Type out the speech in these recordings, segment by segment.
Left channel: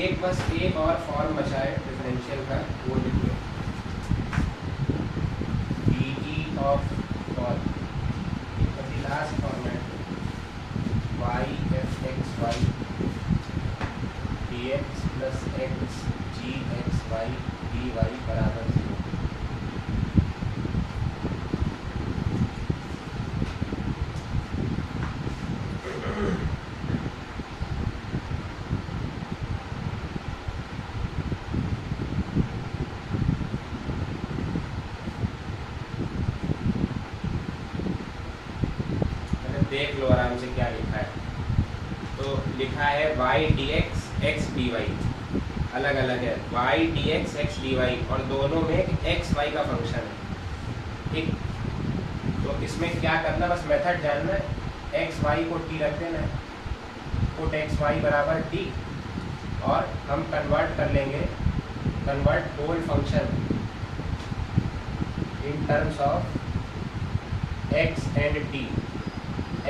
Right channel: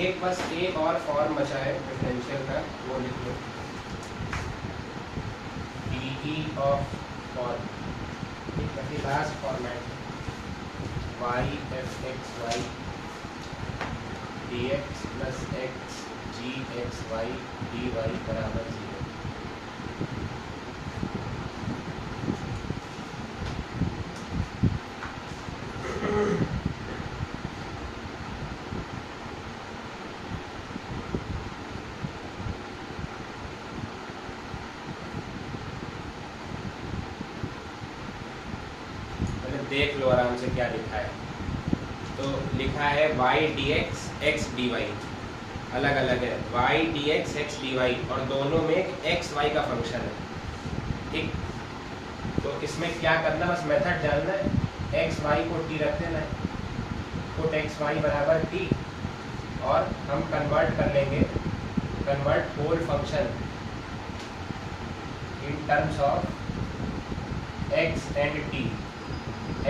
एक बस एक और फॉर्म बचा है डिफरेंशियल का, वो लिखिए डी ऑफ और last format Y F X Y D x plus x G X Y D Y बराबर 0। देख लो आराम से क्या लिखा है। तो लिखा है y dx x dy अलग अलग है, y dx x dy और दोनों में x y का फंक्शन है, ठीक। तो इसमें क्या करना, बस मेथड जानना है, x y को t रख देना है, पुट x y बराबर t और हम कन्वर्ट कर लेंगे, convert whole function in terms of x and t,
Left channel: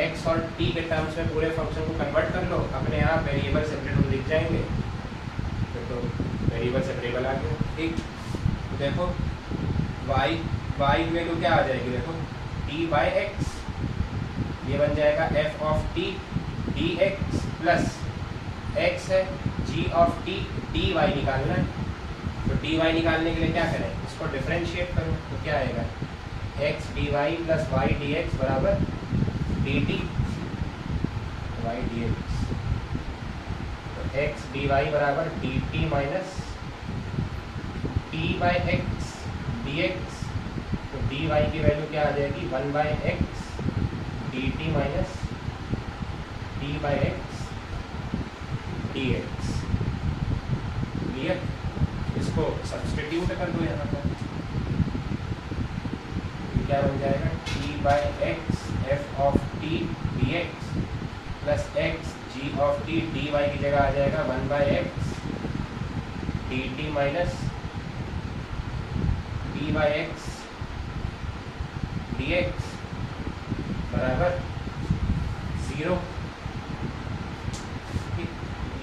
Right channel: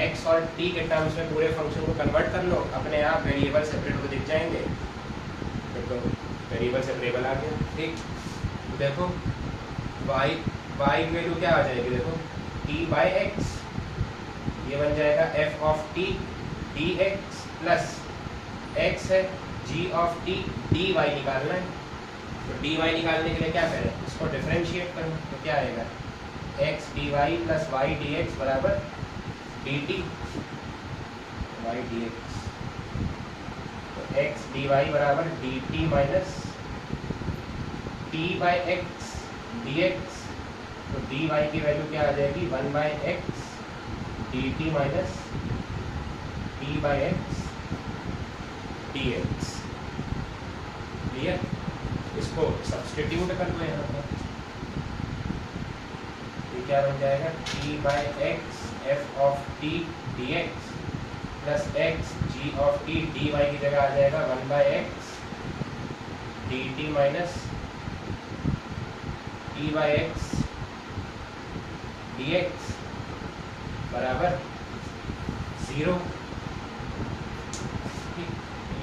x और t के टर्म्स में पूरे फंक्शन को कन्वर्ट कर लो, अपने आप वेरिएबल सेपरेट हो दिख जाएंगे। देखो वेरिएबल सेपरेबल आ गया, ठीक। देखो y की वैल्यू क्या आ जाएगी, देखो t बाई एक्स, ये बन जाएगा f of t dx plus x है g ऑफ t dy निकालना है। तो dy निकालने के लिए क्या करें, इसको डिफरेंशिएट करें, तो क्या आएगा x dy plus y dx बराबर dt y dx, तो x dy बराबर dt minus t by x dx, तो dy की वैल्यू क्या आ जाएगी 1 by x dt minus t by x dx। Clear, इसको सब्सटीट्यूट कर दो यहाँ पर, क्या बन जाएगा t by x f of t d x plus x g of t d y की जगह आ जाएगा 1 by x d t minus t by x d x बराबर 0।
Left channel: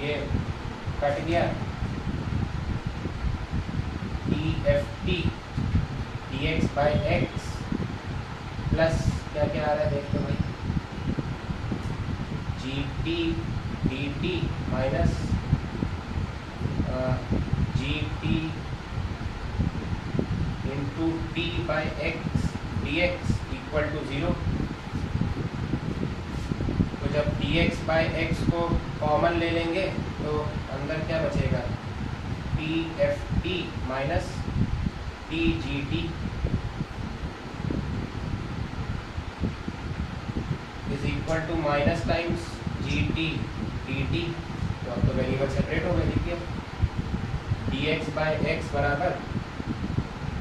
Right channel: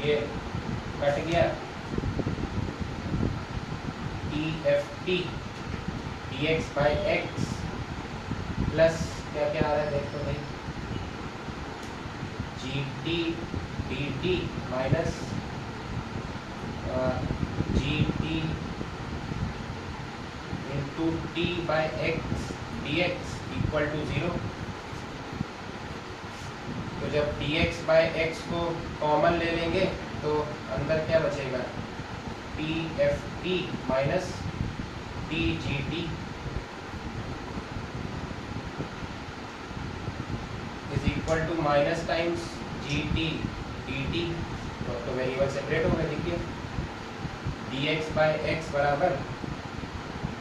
ये कट गया, T f t d x by x plus क्या क्या आ रहा है देखते भाई, g t d t minus g t into t by x d x equal to 0। तो जब डी एक्स बाई एक्स को कॉमन ले लेंगे तो अंदर क्या बचेगा, t f t minus t g t is equal to minus times g t d t, तो वेरिएबल सेपरेट हो गए, देखिए डी एक्स बाई एक्स बराबर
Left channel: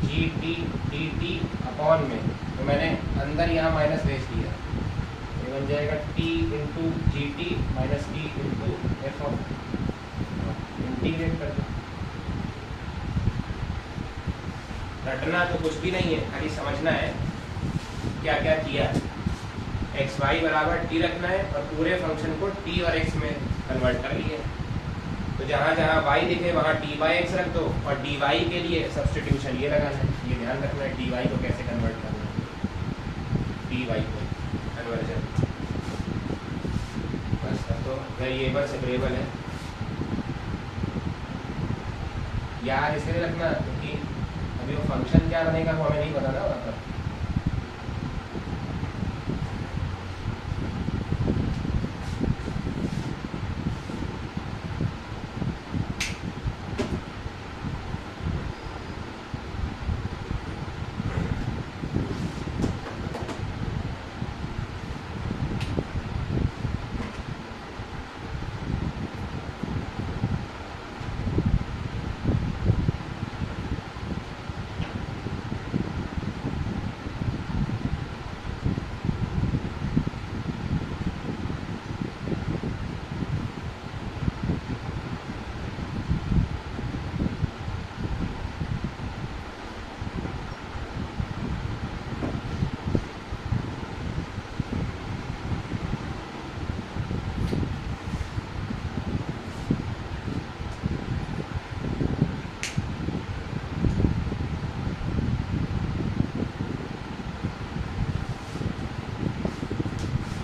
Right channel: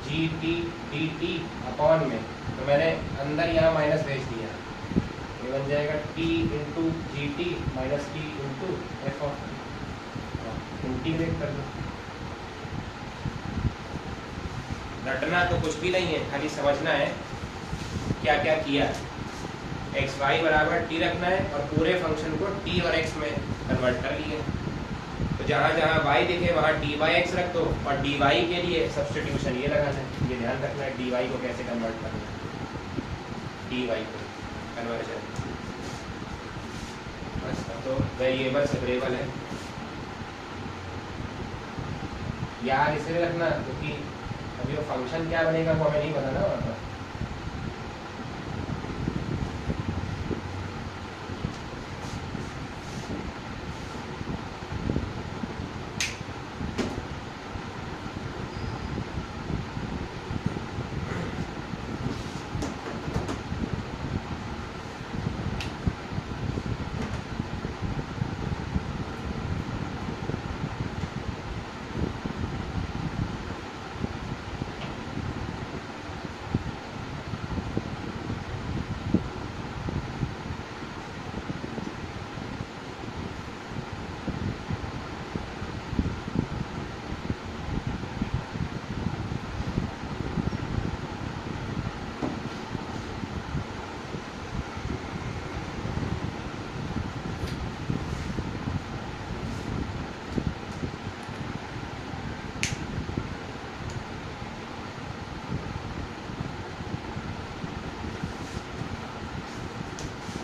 जी टी डी टी अपॉन में, तो मैंने अंदर यहाँ माइनस भेज दिया, ये बन जाएगा T into G T minus T into F of, integrate कर दो। रटना तो कुछ भी नहीं है, खाली समझना है क्या क्या किया। एक्स वाई बराबर टी रखना है और पूरे फंक्शन को टी और एक्स में कन्वर्ट कर लिया। तो जहाँ जहाँ वाई दिखे वहाँ टी बाई एक्स रख दो और डी वाई के लिए सब्सटीट्यूशन ये लगा है, ये ध्यान रखना है डी वाई को कैसे कन्वर्ट करना है, डी वाई को कन्वर्जन बस। तो वेरिएबल सेपरेबल है, याद इसलिए रखना क्योंकि अभी वो फंक्शन क्या बनेगा वो हमें नहीं पता ना वहाँ पर।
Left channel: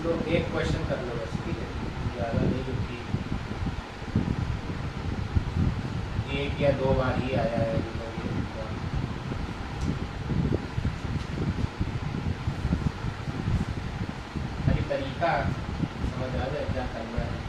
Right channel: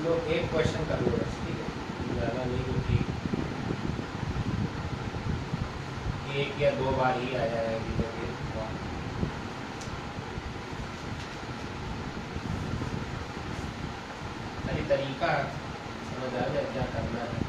लो, एक क्वेश्चन कर लो बस, ठीक है, ज़्यादा नहीं, क्योंकि एक या दो बार ही आया है अभी तक ये। खाली तरीका समझ आ जाए क्या करना है।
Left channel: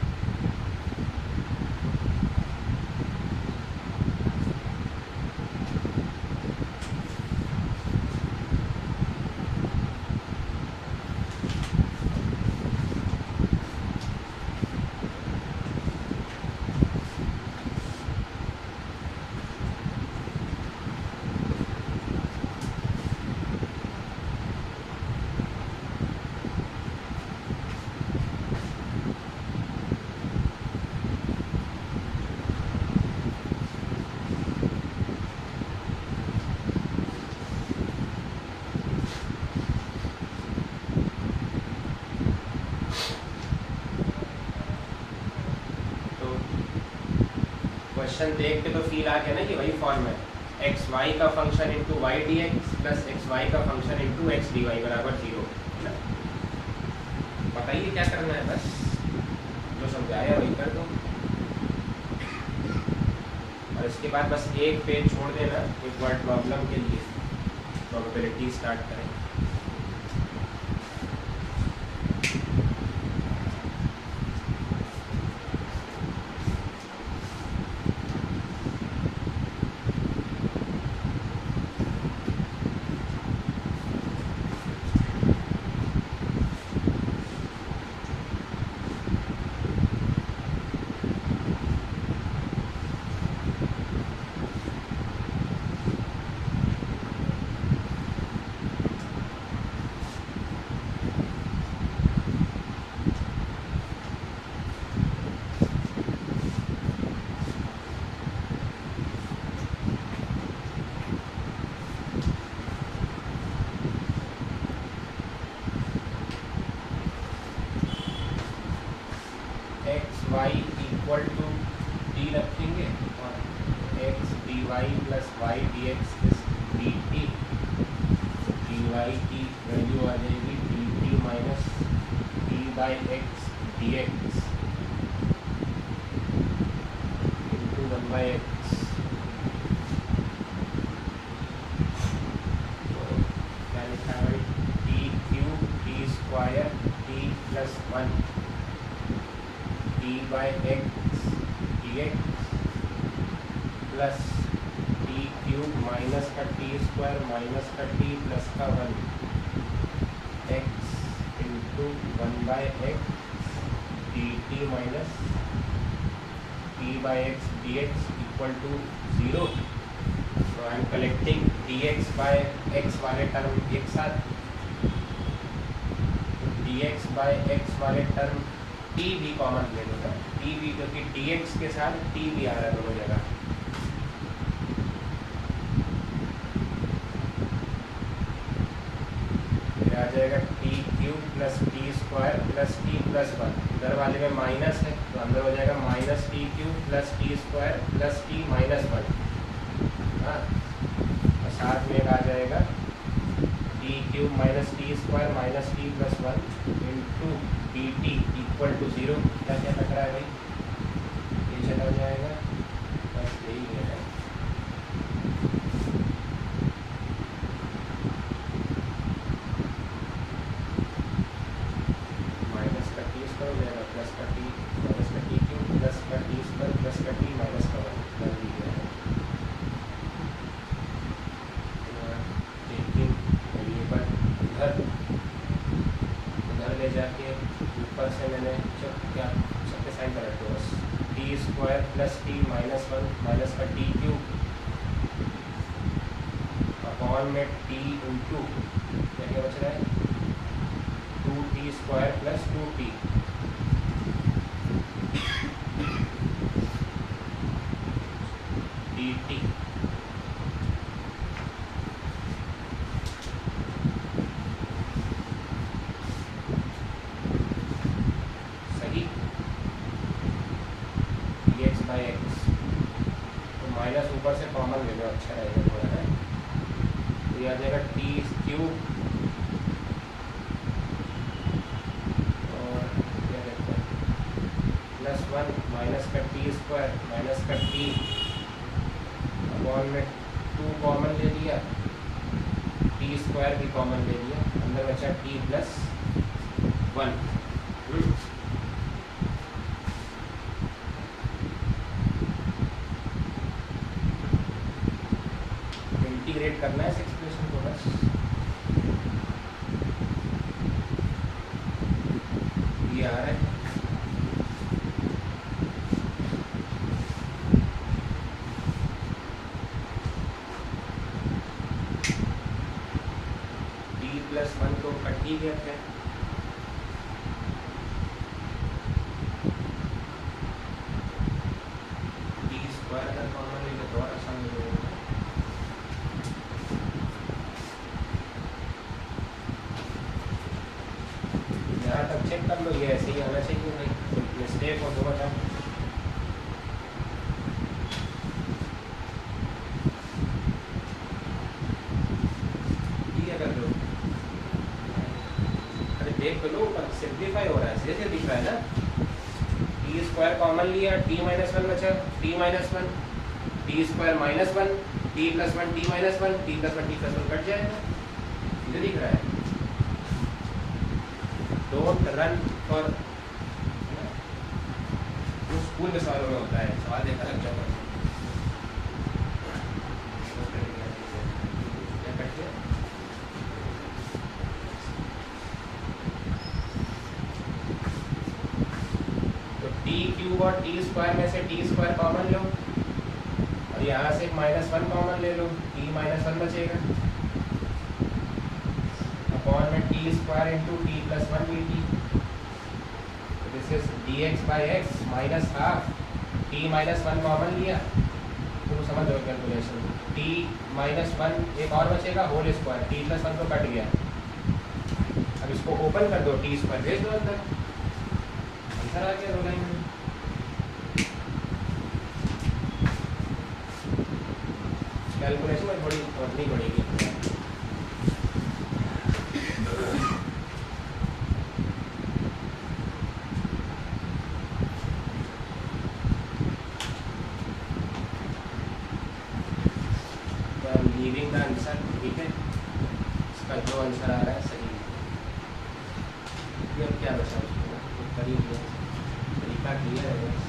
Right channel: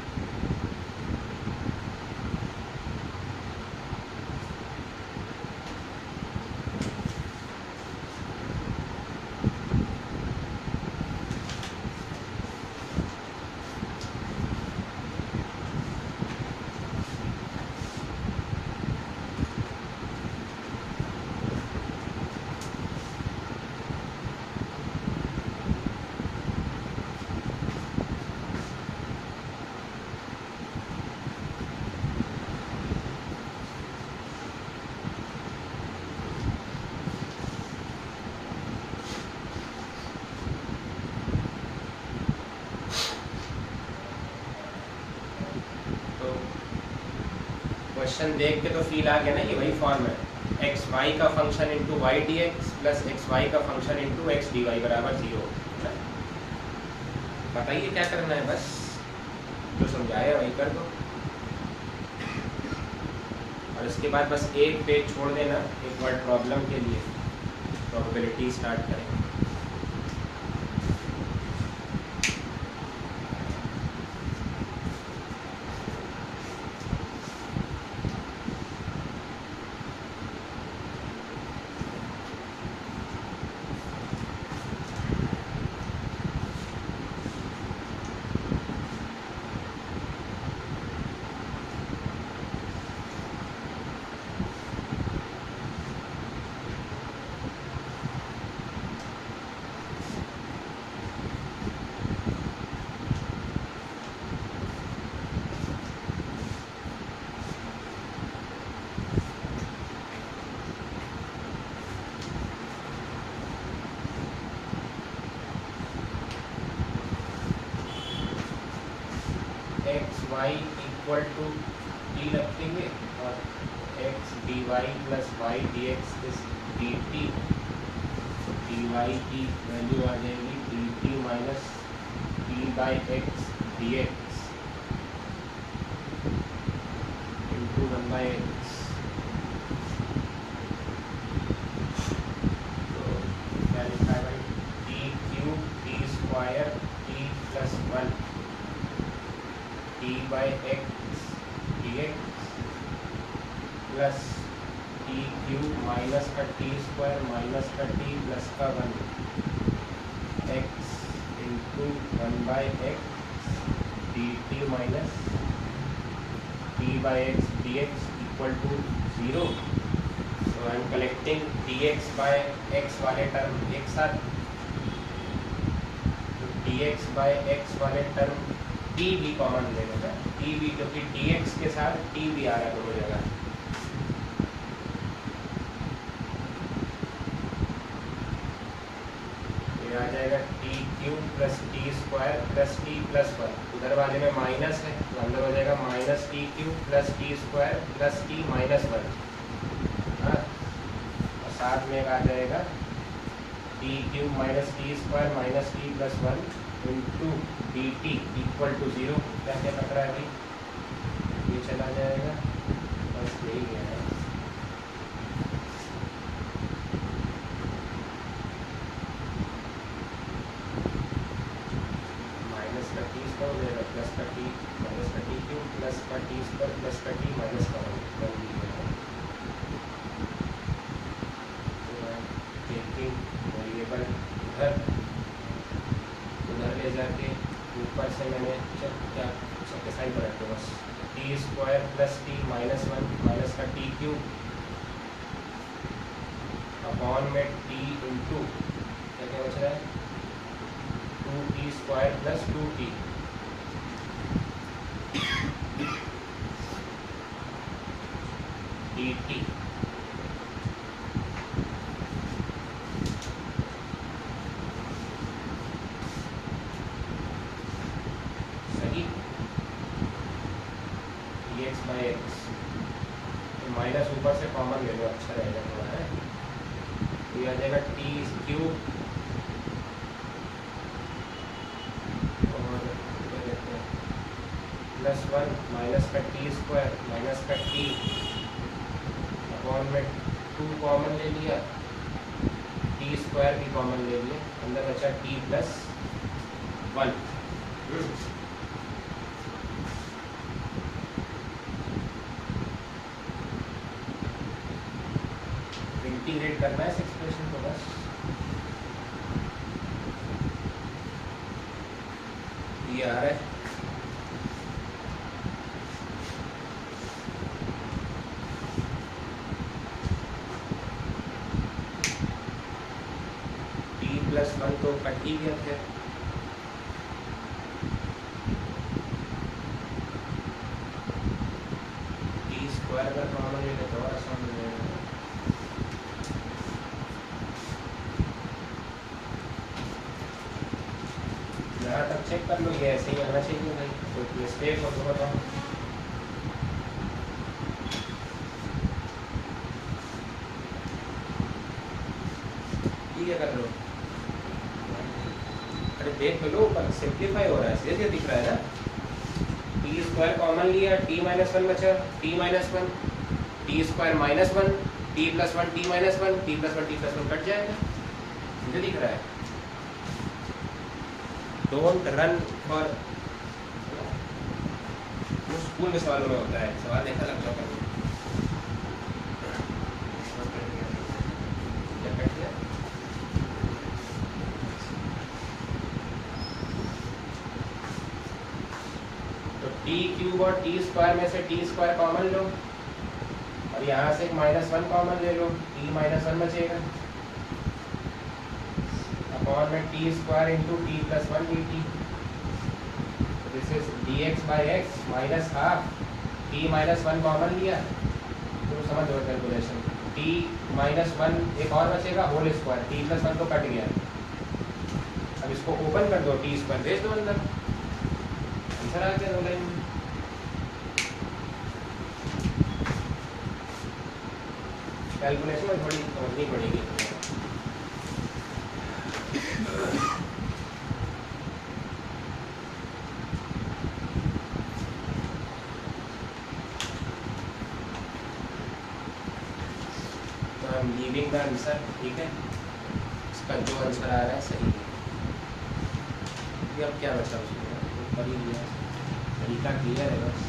क्वेश्चन देख के तो फील आ गया ना कि भाई फॉर्मेट एक्स वाई का function into Y D x plus X Y का function into X D Y बराबर 0। बताइए क्या करना है, बस तो समझाया वही कर दो। और इसके बाद बस एक पेज छोड़ देना एक वर्ड प्रॉब्लम के लिए, प्रोबेबिलिटी स्टार्ट करेंगे। X y equal to d रखेंगे और x D y plus y D x is d t, d y की वैल्यू आ जाएगी d t minus d by x d x into 1 by x. तो क्या लिखा है, t q t square t plus 1 t by x d x plus t cube minus का t square minus का t plus का 1 x into 1 by x d t minus t by x d x equal to 0। So I am collecting d x by x वाले term एक साथ, d x by x वाले term t भी common ले लेगा, T भी, क्योंकि D x के साथ टी भी आ रहा है दोनों जगह। तो आ जाएगा t cube plus t square plus T plus 1, इधर वाले में माइनस है तो अंदर हो जाएगा minus t cube plus t square plus t minus 1। हाँ, और साथ में आ जाएगा t cube minus t square minus t plus 1 into d t equal to 0। क्या क्या लग रहा है भाई, ये चला जाएगा, बस यही है। माइनस का टी स्क्वायर हो जाएगा प्लस का टी माइनस का टी क्यूब प्लस का टी स्क्वायर प्लस का टी माइनस का 1 कर दीजिए। टेकिंग वेरिएबल इधर ले जाके ऊपर से मैंने क्या सबके साइन पर रखते बस, T square plus t minus 1 minus का टी क्यूब अपॉन में टी इंटू क्या बच रहा है 2t square plus 2t D t. Minus ऊपर से कॉमन ले लो, अच्छा रहेगा थोड़ा है। तो ये आ जाएगा टी क्यूब +1 माइनस का टी स्क्वायर माइनस का टी अपॉन में 2 कॉमन ले लिया, टी स्क्वायर भी कॉमन ले लिया, अंदर बचा टी प्लस 1। इंटीग्रेट करना है इस एक्सप्रेशन को बस। ये आ रहा है t+1 को कट ही गया है, टी स्क्वायर का कॉमन ले तो बहुत आसान हो जाएगा। यहाँ तक चेक कर लो, ये ऐसे ही होना चाहिए भाई, तो मिस्टेक हो तो बताओ। ठीक है, कर लो। अरे देख तो लो, सिंप्लीफाई हो रहा है, सीधे दिख रहा है ना। टी स्क्वायर कॉमन लिया, t-1 बचा, t-1 T square -1 t+1 t-1 t+1 t+1 cut जाएगा, सीधे दिख रहा है। डोंट रन फॉर, स्कूल में सवालों में होता है, सवाल देखा लग जाओ। तो टी क्यूब और टी स्क्वायर में से टी स्क्वायर कॉमन लो, और यहाँ से -1 कॉमन ले लो, t-1 बचेगा अपॉन में T square into t+1 dt। This is dx/x minus half, t-1 common लिया, तुम समझ रहे हो कैलकुलेशन। t-1 एक और बचेगा होल स्क्वायर, t+1 तो कट गया, अब इसको ओपन कर दो, टी स्क्वायर भेज दो अंदर, आंसर आ गया हो जाएगा। कैलकुलेशन में थोड़ी समझनी पड़ेगी। लीविंग द आंसर, ठीक है, इसका जो आंसर आ रहा है सही है। अब क्या बचा ऊपर ही गया, तरीका क्लियर है बस।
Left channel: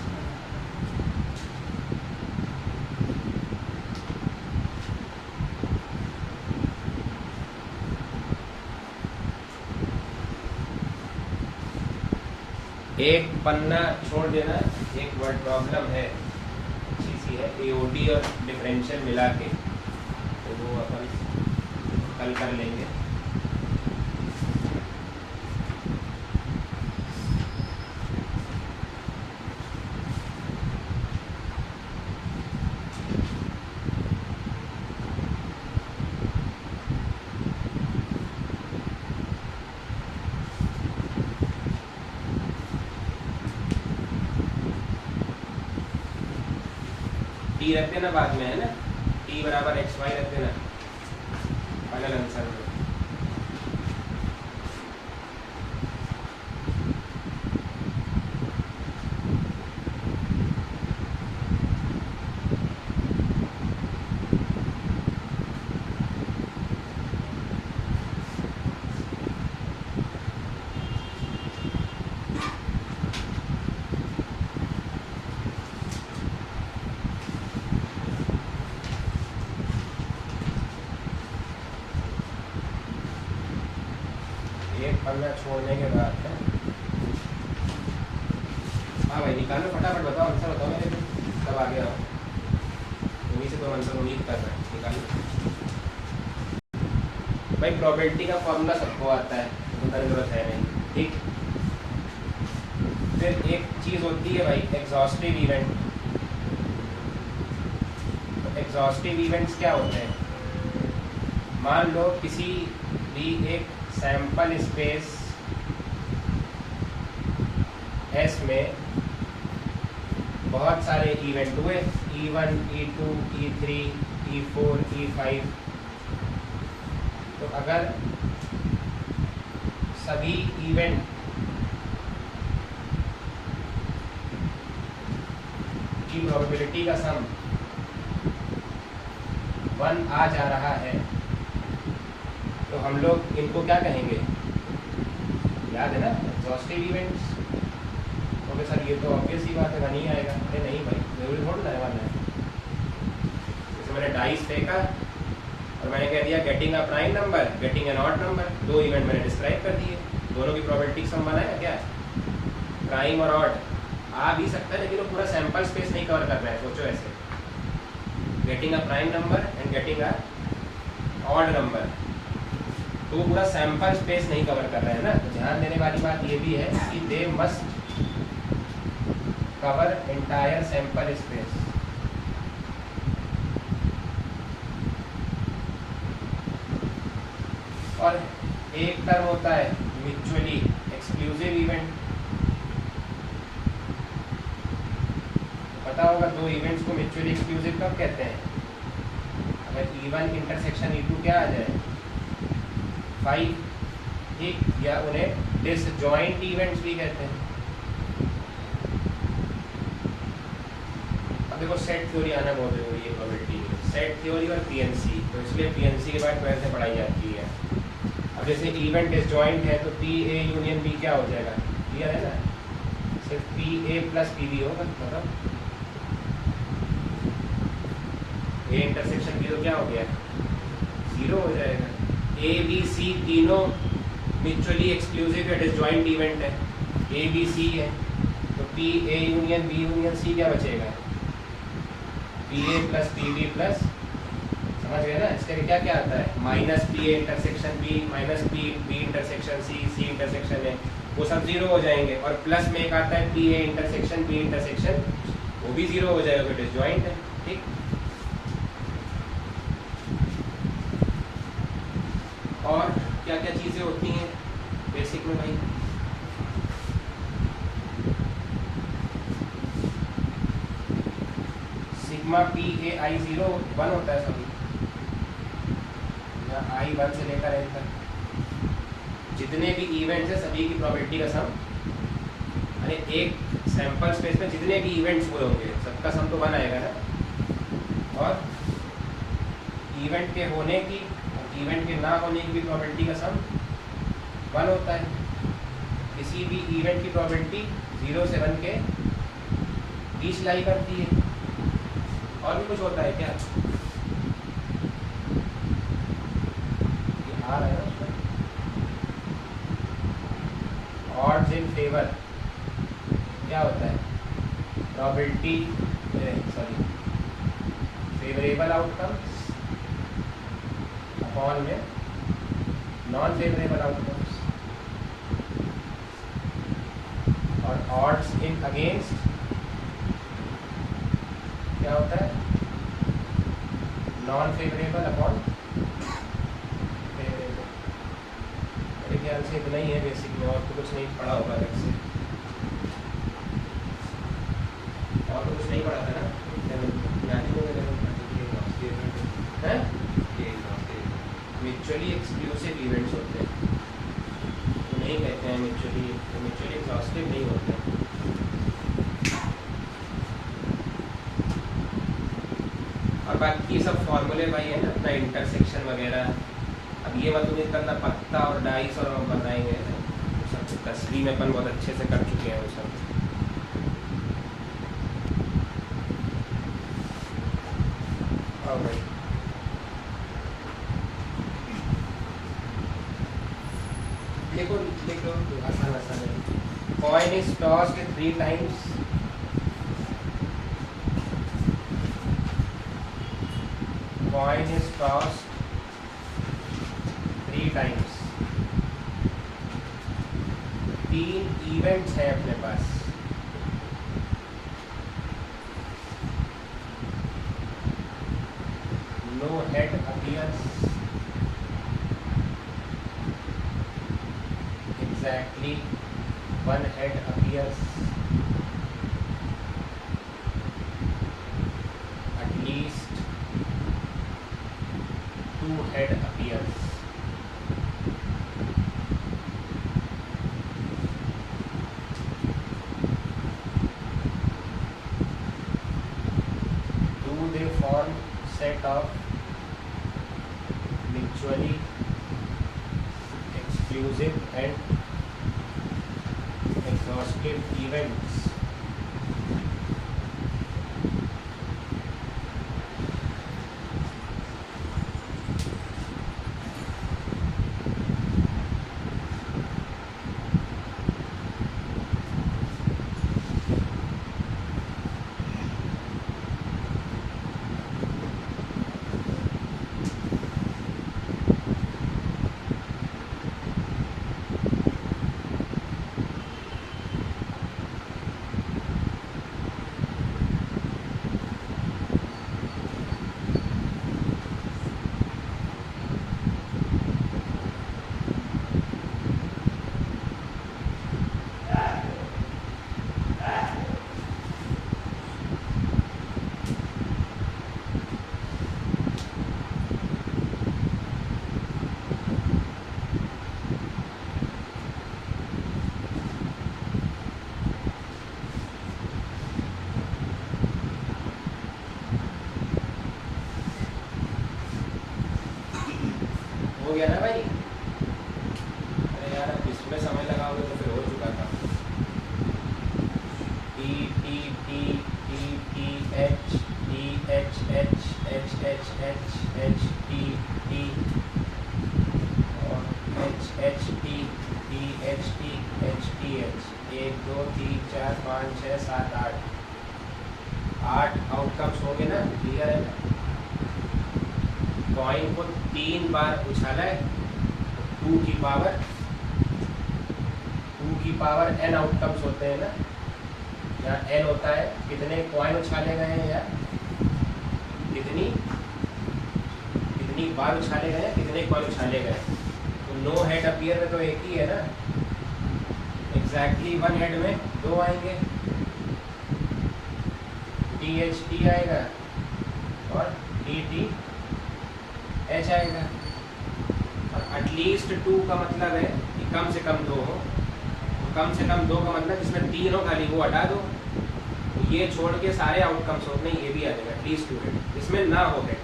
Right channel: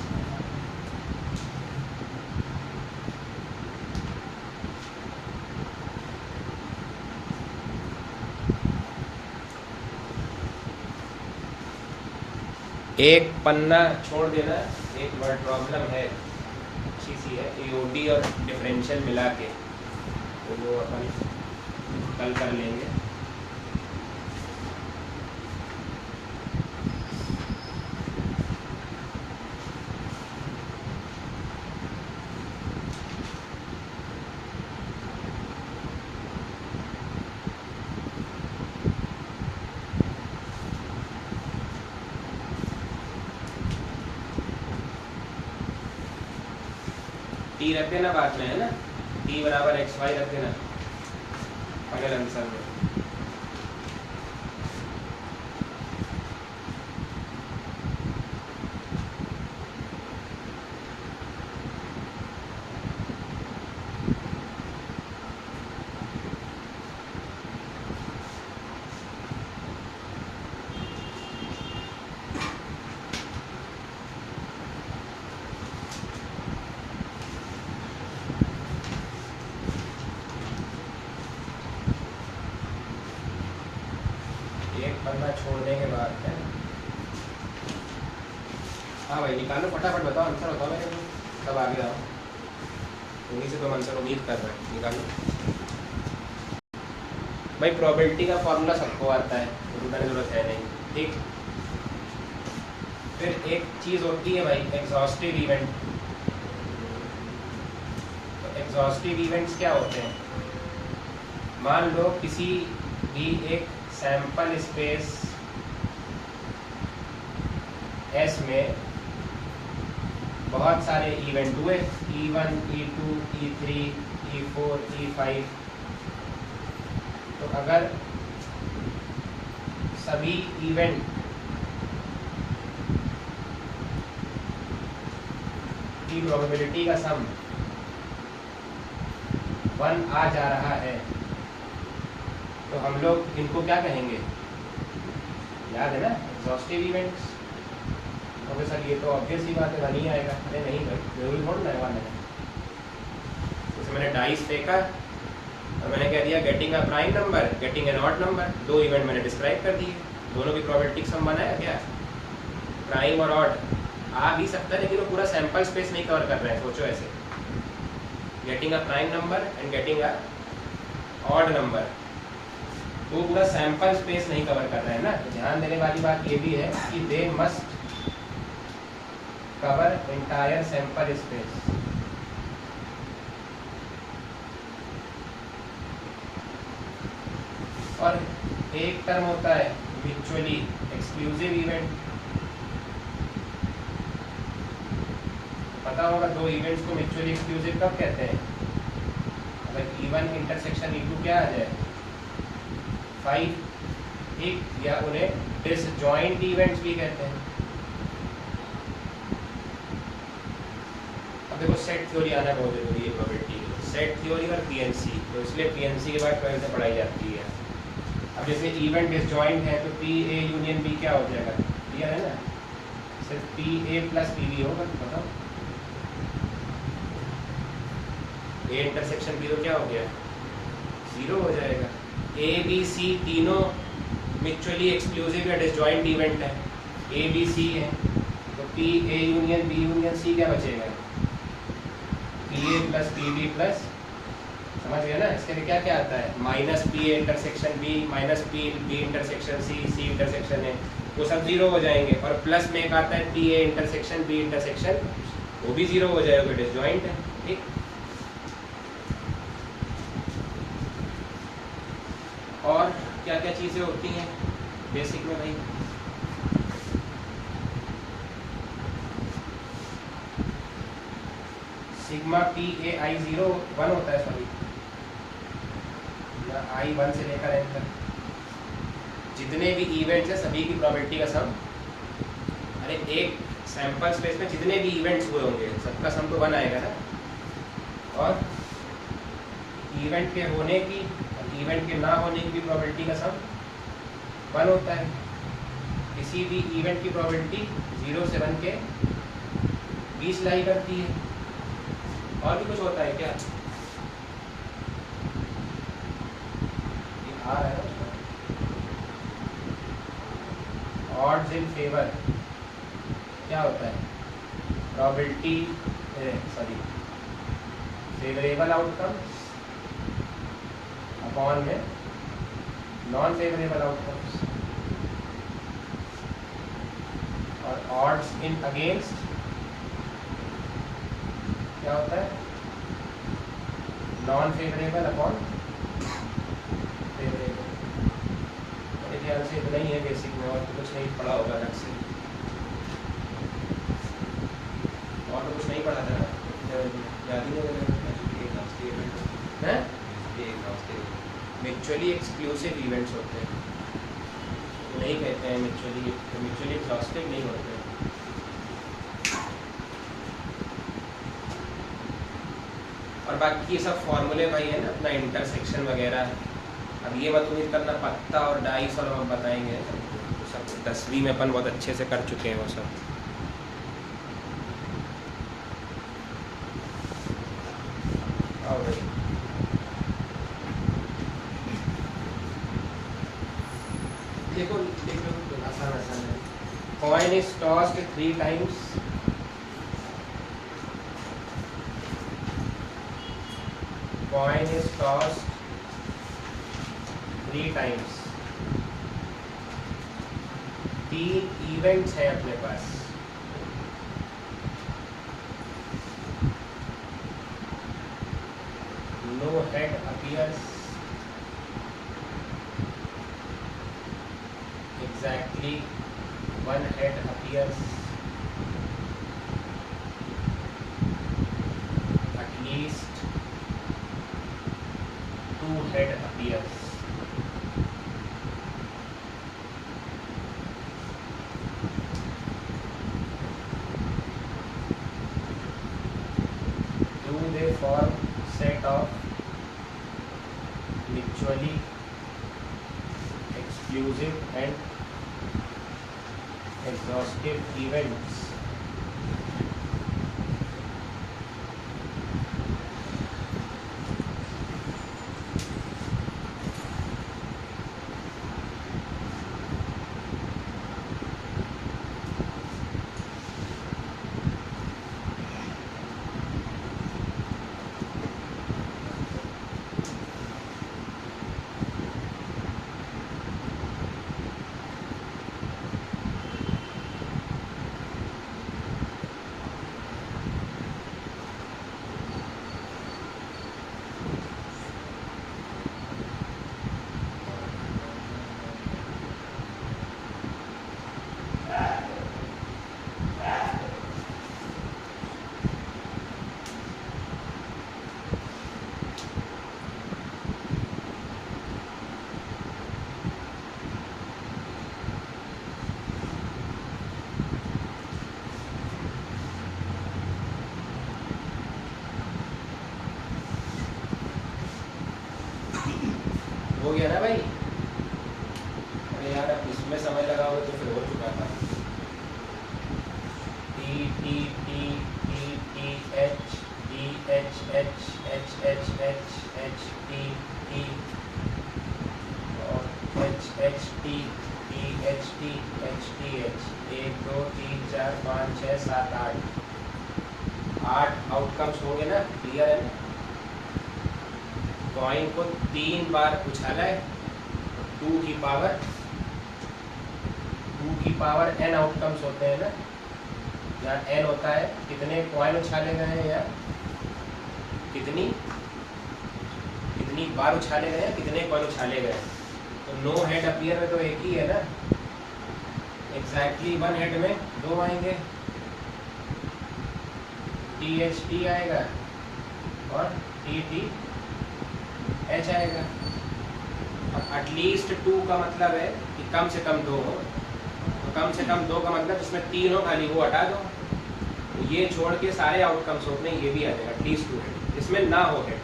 एक पन्ना छोड़ देना, एक वर्ड प्रॉब्लम है, अच्छी सी है, एओडी और डिफरेंशियल मिला के, तो वो अपन कल कर लेंगे। टी रख देना बाद में, है ना, टी बराबर xy रख देना अगले आंसर में। एक पन्ना छोड़ने के बाद है, हाँ भाई निकालो फटाफट, बताओ आंसर, बताओ मेरे को कब आ गया, वहीं से तो आंसर उम्मीद कर रहे हैं, निकालो भाई। प्रोबेबिलिटी का फॉर्मूला सबको आता है, उनका जरूरत है नहीं, ठीक। फिर एक चीज़ होती है भाई एग्जॉस्टिव इवेंट। तो एग्जॉस्टिव इवेंट्स क्या होते हैं, मान लो किसी भी एक सैंपल स्पेस S में बहुत सारे इवेंट हुए, E1, E2, E3, E4, E5। तो अगर सभी इवेंट उसकी प्रोबेबिलिटी का सम 1 आ जा रहा है, तो हम लोग इनको क्या कहेंगे? याद है ना, एग्जॉस्टिव इवेंट्स। तो सर ये तो ऑब्वियस ही बात है, 1 ही आएगा। अरे नहीं भाई, जरूरी थोड़ा ना है 1 है। जैसे मैंने डाइस फेंका और मैंने कह दिया getting a prime number, getting an odd number, 2 event मैंने डिस्क्राइब कर दिए, दोनों की प्रोबेबिलिटी का सम 1 आएगा क्या? प्राइम और ऑड आ भी सकता है, लेकिन वो पूरा सैंपल स्पेस नहीं कवर कर रहा है। सोचो ऐसे, getting a prime number and getting a odd number, तो पूरा सैंपल स्पेस नहीं कवर कर रहा है ना। तो ध्यान देने वाली बात ये भी है कि they must cover entire sample space. और एक टर्म होता है म्यूचुअली एक्सक्लूसिव इवेंट। पता होगा 2 इवेंट्स को म्यूचुअली एक्सक्लूसिव कब कहते हैं? अगर E1 इंटरसेक्शन E2 क्या आ जाए? 5, ठीक, या उन्हें डिसजॉइंट इवेंट्स भी कहते हैं। अब देखो सेट थ्योरी आना बहुत जरूरी है प्रोबेबिलिटी की, सेट थ्योरी और पीएनसी। तो इसलिए पीएनसी के बाद 12th में पढ़ाई जाती है। अब जैसे इवेंट डिसजॉइंट है तो पी ए यूनियन बी क्या हो जाएगा? क्लियर है ना? सिर्फ P A plus P B होगा। मतलब ए इंटरसेक्शन बी तो क्या हो गया? 0 हो जाएगा। ए बी सी तीनों म्यूचुअली एक्सक्लूसिव या डिसजॉइंट इवेंट है, ए बी सी है, तो P A union B union C क्या बचेगा? P A plus P B plus, समझ गए ना? इसके लिए क्या क्या आता है? Minus P A intersection B minus P B intersection C, C intersection है, वो सब 0 हो जाएंगे। और प्लस में एक आता है P A intersection B intersection, वो भी 0 हो जाएगा, डिसजॉइंट है। ठीक, और क्या क्या चीज़ें होती हैं बेसिक में भाई? सिग्मा पी ए आई 0 1 होता है सभी, आई 1 से लेकर एन तक जितने भी इवेंट्स हैं सभी की प्रोबेबिलिटी का सम, यानी एक सैंपल स्पेस में जितने भी इवेंट्स हुए होंगे सबका सम तो 1 आएगा ना। और इवेंट के होने की इवेंट के ना होने की भी प्रोबेबिलिटी का सम 1 होता है। किसी भी इवेंट की प्रोबेबिलिटी 0 से 1 के बीच लाई करती है। और भी कुछ होता है क्या? आ रहा है उसका ऑड्स इन फेवर क्या होता है? Probability, sorry, favourable outcomes upon में नॉन फेवरेबल आउटकम्स। और ऑड्स इन अगेंस्ट क्या होता है? Non favourable upon favourable. मेरे ख्याल से इतना ही है बेसिक में, और तो कुछ नहीं पढ़ा होगा अलग से। और तो कुछ नहीं पढ़ा था ना? म्यूचुअली एक्सक्लूसिव इवेंट्स होते हैं, नहीं कहते हैं म्यूचुअली एक्सक्लूसिव नहीं होते। और बाकी ये सब फॉर्मूले भाई है ना, अपना इंटरसेक्शन वगैरह। अब ये मत उम्मीद करना पत्ता और डाइस और हम बताएंगे, तो सब 10वीं में अपन बहुत अच्छे से कर चुके हैं वो सब। देखो आसान आसान है। Coin is tossed 3 times, coin is tossed 3 times। 3 events हैं अपने पास। No head appears, exactly 1 head appears, at least 2 head appears। of mutually exclusive and exhaustive events हो गया ना भाई? अरे यार अब इसमें समय लगा होगा तो फिर हो चुका था। T T T T T H T H H H H H H T T और H H T T H T H T H 1 2 3 4 5 6 7 8 outcomes हो गए ना? क्लियर है ना? कॉइन को 3 बार उछाला है, 2 की पावर n आउटकम्स होते हैं ना, यहाँ n होता है कितने कॉइन उछाले गए हैं या कितनी बार उछाले गए हैं, कितने कॉइन उछाले गए। तो नो हेड अपीयर में तो एक ही है ना, एग्जैक्टली 1 हेड में 2 आएंगे, टी एच टी आएगा और टी टी एच आएगा। अब एटलीस्ट 2 का मतलब है कि कम से कम 2 हो, तो कम से कम 2 का मतलब इसमें 3 हो, खाली वो हटा दो, तो ये छोड़ के सारे आउटकम्स होते हैं, ये भी आ जाएगा एटलीस्ट 2 हेड, इसमें ना हो हेड,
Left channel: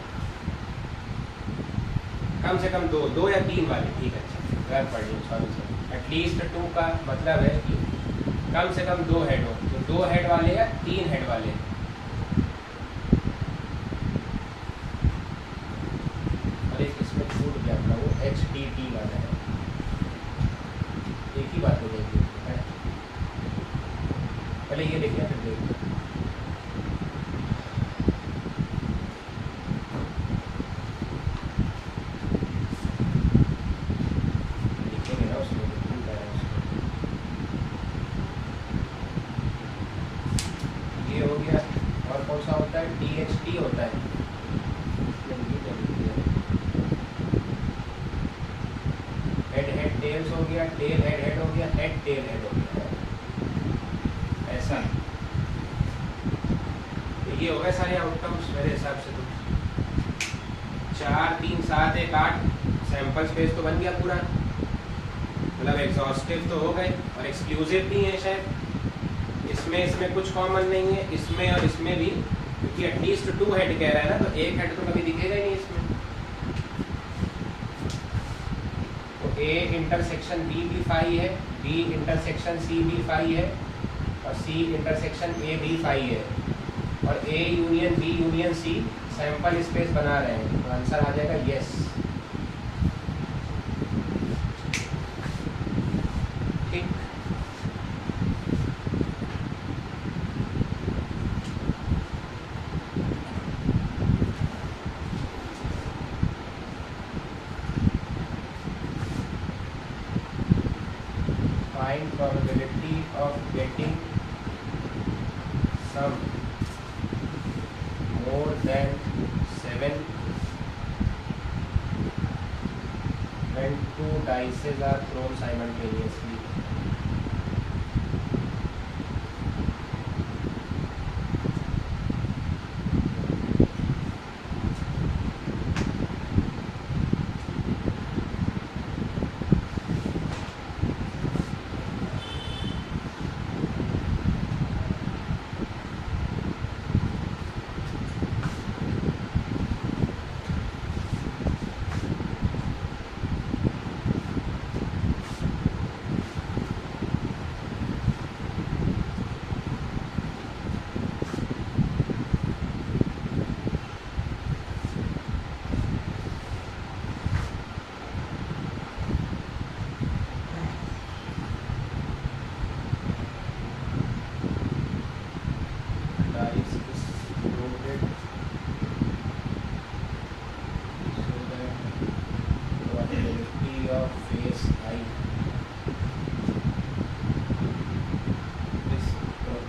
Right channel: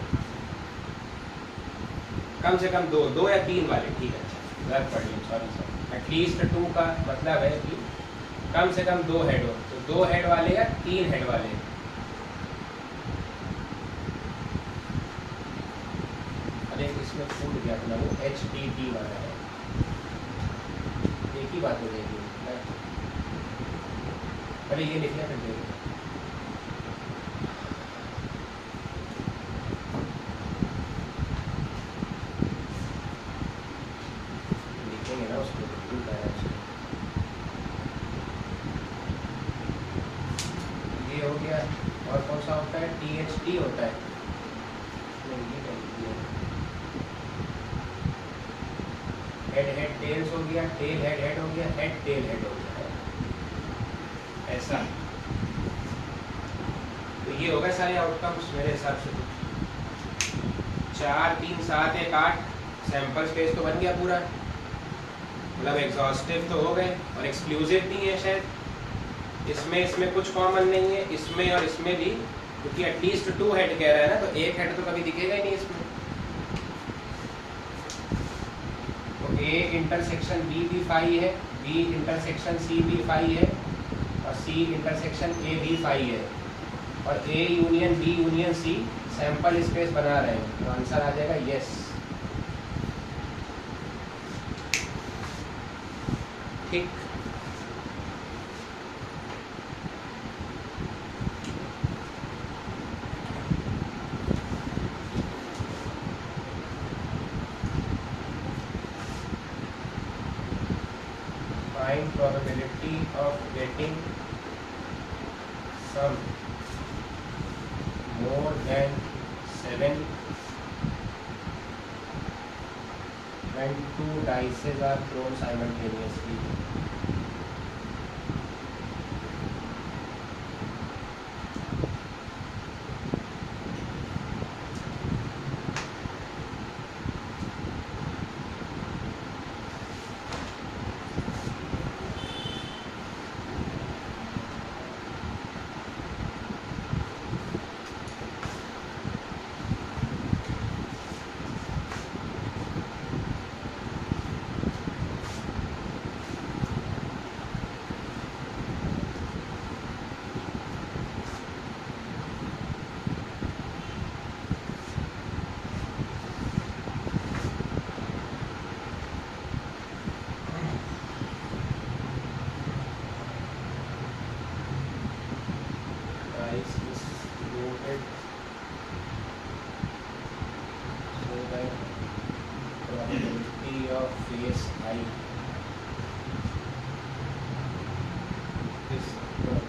कम से कम 2 या 3 वाले, ठीक है। गलत पढ़ लिया, सॉरी। एटलीस्ट 2 का मतलब है कि कम से कम 2 हेड हो, तो 2 हेड वाले या 3 हेड वाले। इसमें छूट गया था वो एच टी टी वाला है, एक ही बात हो जाएगी। पहले ये लिखना फिर देखते लिखेंगे ना उसमें, बिल्कुल कह रहा है उसमें। ये हो गया, और कौन सा होता है? टी एच टी होता है, हेड हेड टेल्स हो गया, टेल हेड हेड हो गया, हेड टेल हेड हो गया, ऐसा। तो ये हो गए सारे आउटकम्स मेरे हिसाब से। 4 3 7 1 8 सैंपल स्पेस तो बन गया पूरा, मतलब एग्जॉस्टिव तो हो गए, और एक्सक्लूसिव भी है शायद, इसमें कुछ कॉमन नहीं है, इसमें और इसमें भी, क्योंकि एटलीस्ट 2 हेड कह रहा है ना, तो एक हेड तो कभी दिखेगा ही नहीं इसमें। ए इंटरसेक्शन बी भी फाई है, बी इंटरसेक्शन सी भी फाई है, और सी इंटरसेक्शन ए भी फाई है, और A union B union C sample space बना रहे हैं, तो आंसर आ जाएगा यस। ठीक, find probability of getting sum more than 7 when 2 dices are thrown simultaneously.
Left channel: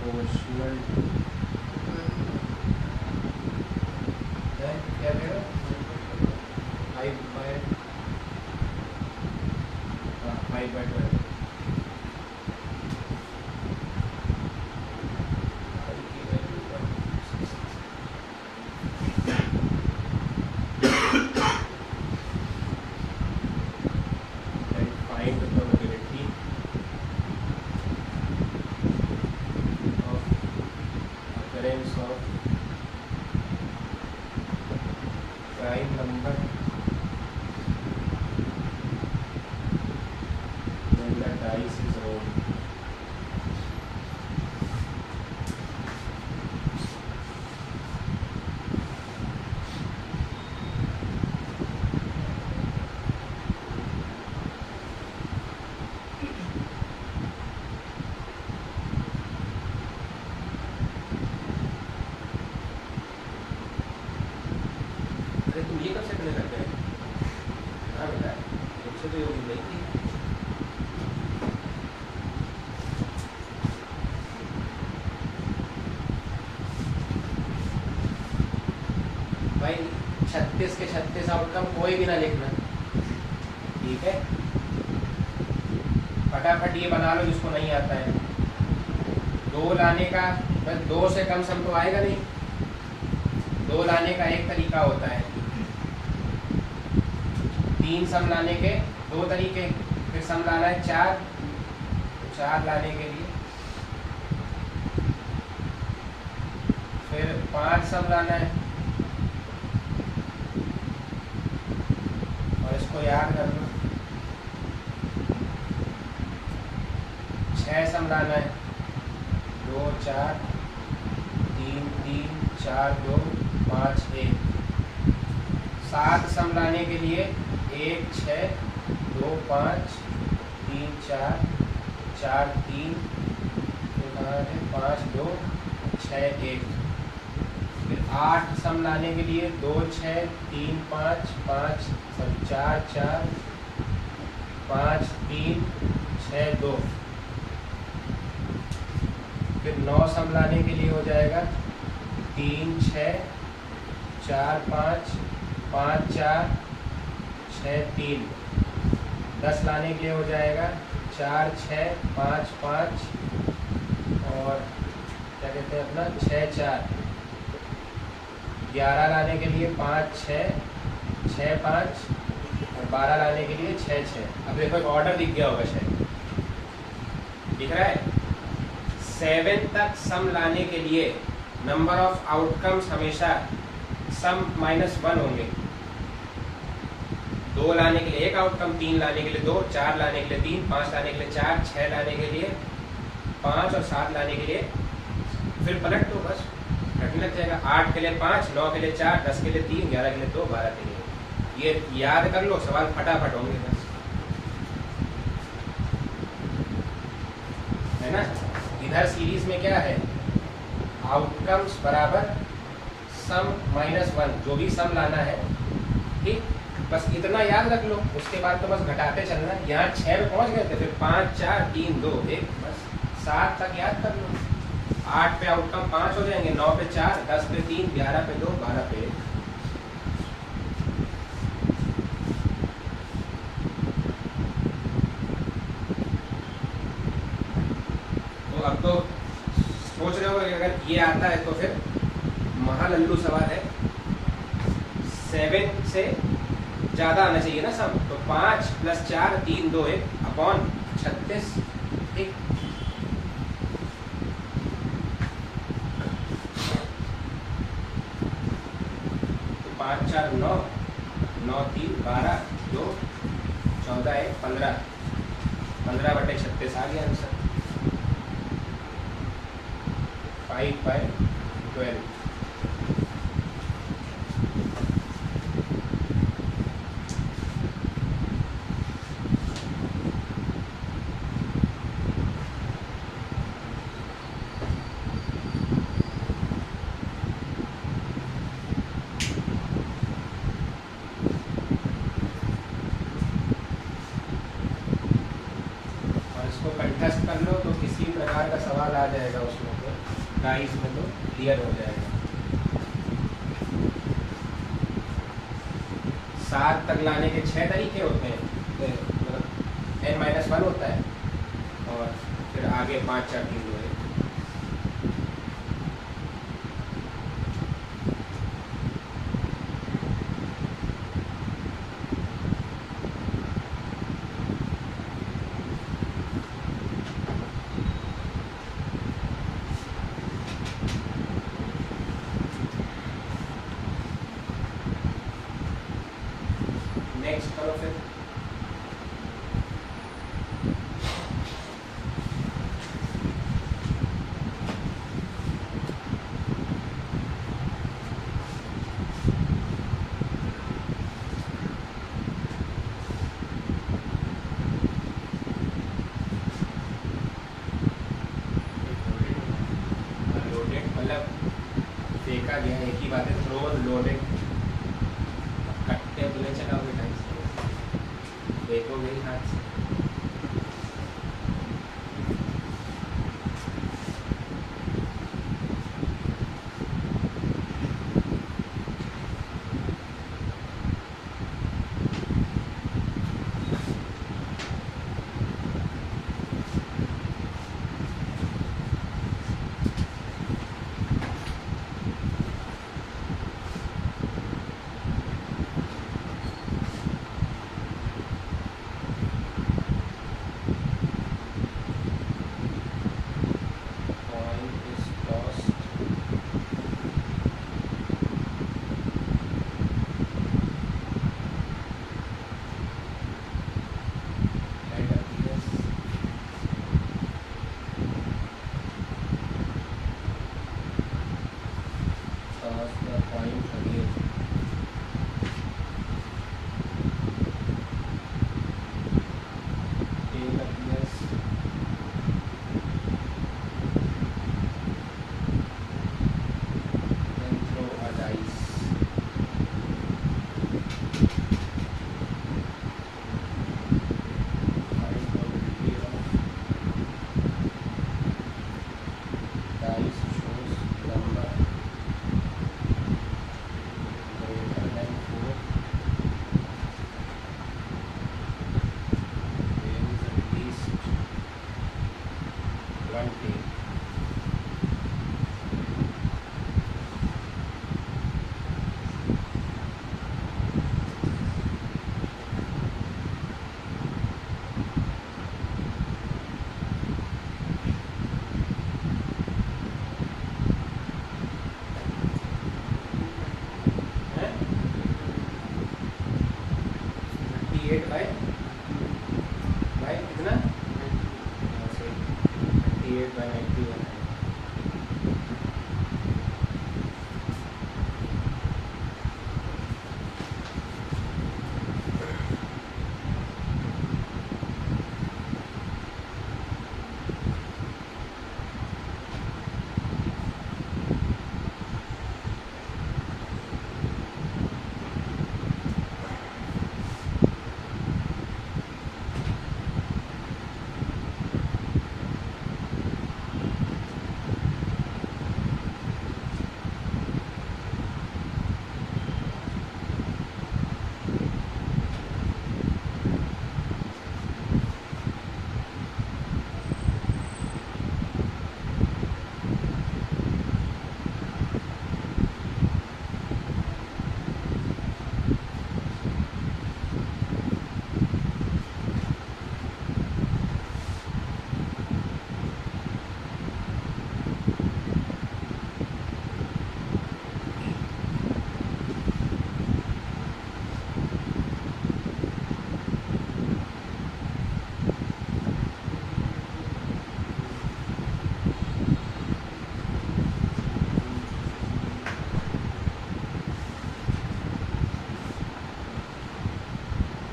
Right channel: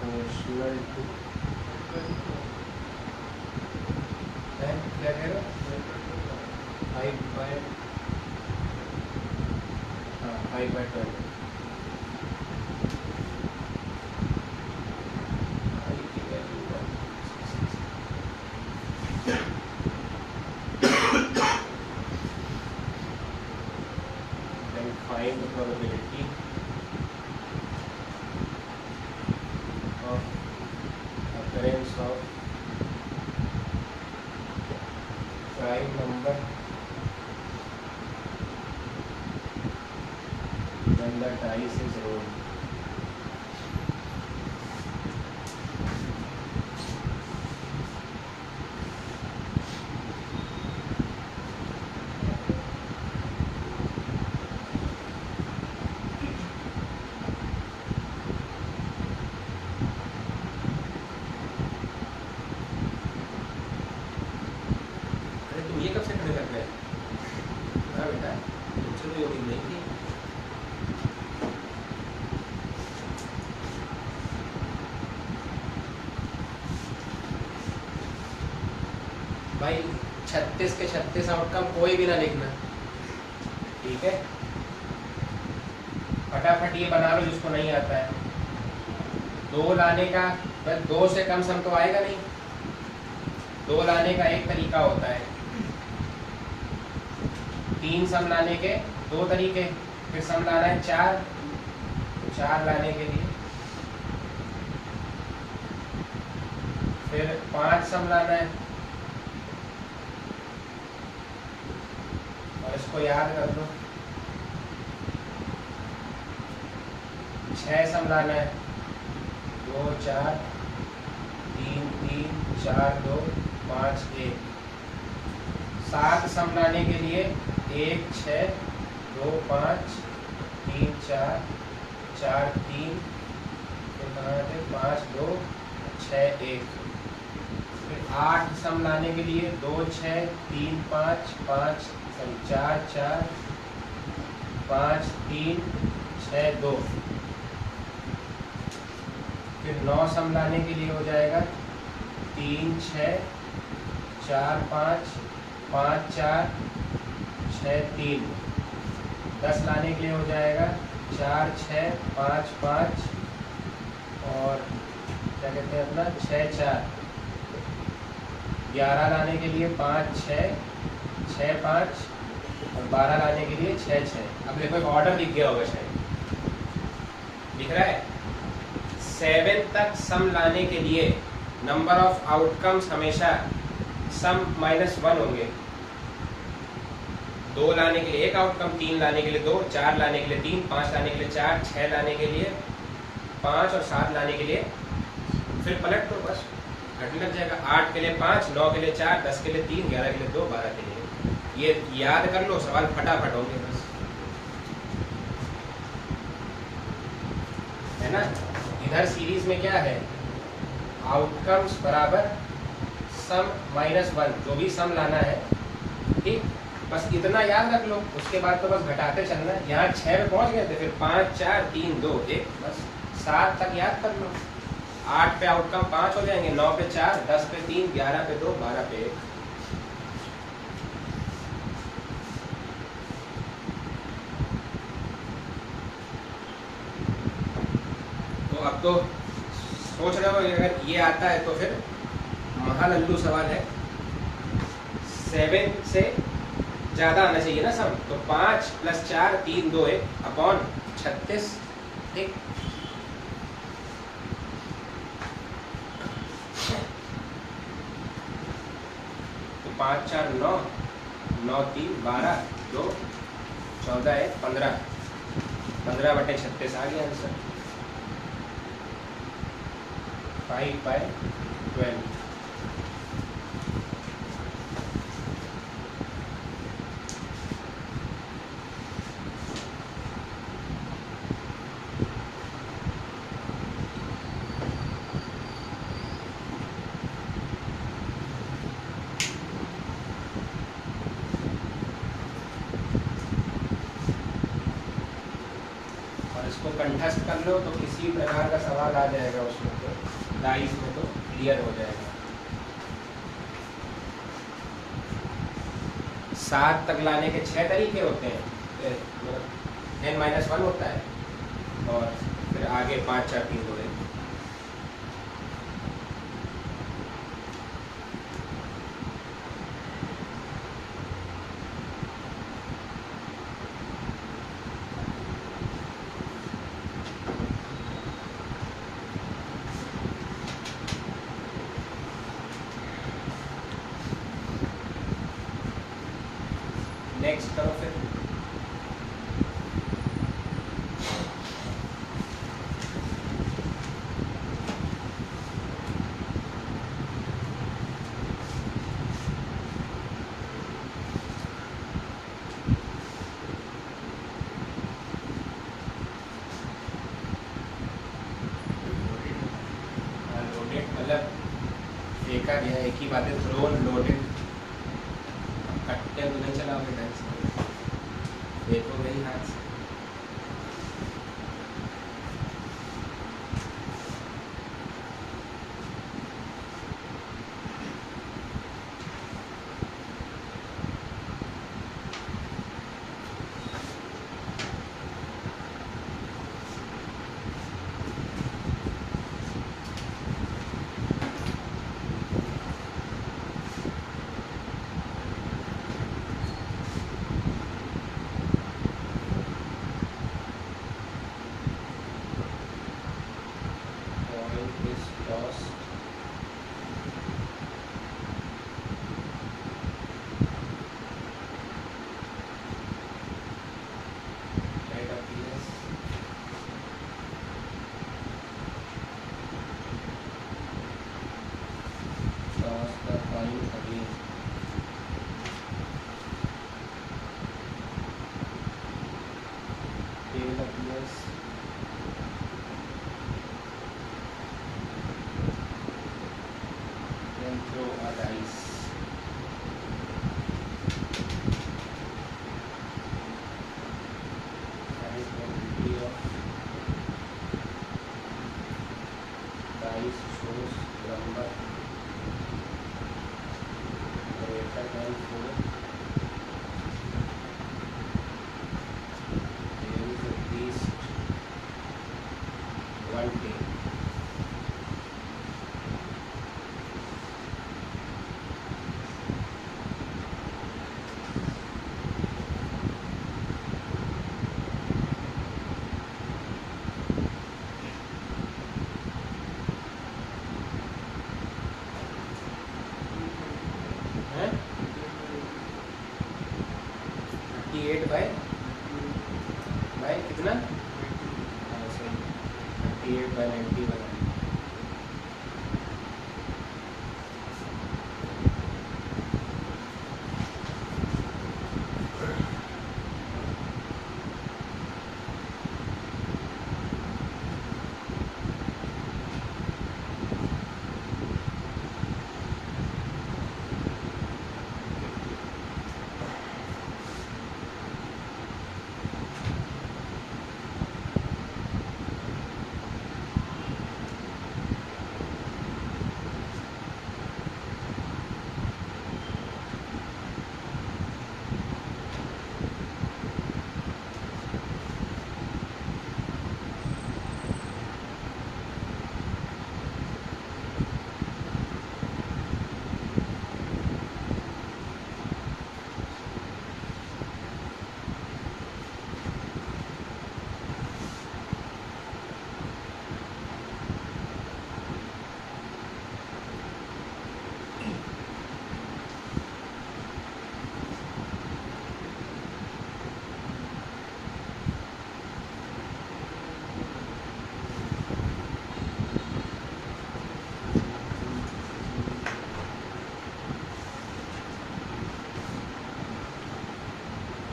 Proportional to क्या कह रहे हो 5/12 find the probability of occurrence of prime number when the dice is rolled. ये कब से करने लग गए? हाँ बेटा, तुमसे तो ये उम्मीद नहीं थी। भाई 36 के 36 आउटकम कोई भी ना लिखना, ठीक है? फटाफट ये बना लो जिसको नहीं आता है। 2 लाने का, बस 2 से कम सम तो आएगा नहीं। 2 लाने का एक तरीका होता है, 3 सम लाने के 2 तरीके, फिर सम लाना है 4, तो 4 लाने के लिए, फिर 5 सम लाना है, और इसको याद कर लो। 6 सम लाना है, 2 4 3 3 4 2 5 1। 7 सम लाने के लिए 1 6 2 5 3 4 4 3 5 2 6 1। फिर 8 सम लाने के लिए 2 6 3 5 5 4 4 5 3 6 2। फिर 9 सम लाने के लिए हो जाएगा 3 6 4 5 5 4 6 3। 10 लाने के लिए हो जाएगा 4 6 5 5 और क्या कहते हैं अपना 6 4। 11 लाने के लिए 5 6 6 5 और 12 लाने के लिए 6 6। अब देखो एक ऑर्डर दिख गया होगा, शायद दिख रहा है। 7 तक सम लाने के लिए नंबर ऑफ आउटकम्स हमेशा सम -1 होंगे। 2 लाने के लिए 1 आउटकम, 3 लाने के लिए 2, 4 लाने के लिए 3, 5 लाने के लिए 4, 6 लाने के लिए 5 और 7 लाने के लिए फिर पलट दो, बस घटने लग जाएगा। 8 के लिए 5, 9 के लिए 4, 10 के लिए 3, 11 के लिए 2, 12 के लिए। ये याद कर लो, सवाल फटाफट होंगे बस, है ना? इधर सीरीज में क्या है, आउटकम्स बराबर सम -1, जो भी सम लाना है, ठीक? बस इतना याद रख लो, उसके बाद तो बस घटाते चलना है। यहाँ 6 पे पहुंच गए थे, फिर 5 4 3 2 1, बस 7 तक याद कर लो। 8 पे आउटकम 5 हो जाएंगे, 9 पे 4, 10 पे 3, 11 पे 2, 12 पे 1। तो अब तो सोच रहे हो अगर ये आता है तो फिर महालल्लू सवाल है। 7 से ज़्यादा आना चाहिए ना सम, तो 5 + 4 3 2 1 अपॉन 36 1। तो 5 4 9 9 3 12 2 14 1 15 15/36 आ गया आंसर। 5/12। कंठस्थ कर लो तो किसी प्रकार का सवाल आ जाएगा उसमें। उसमें तो डाइस में तो क्लियर हो जाएगा। 7 तक लाने के 6 तरीके होते हैं, n-1 होता है और फिर आगे 5 4 3 2 1। नेक्स्ट करो फिर। लोडेड मतलब देखा गया एक ही बात है, थ्रो लोडेड कट्टे बुले चलाओगे ढंग से, देखोगे ही हाथ से। कितना 38/91।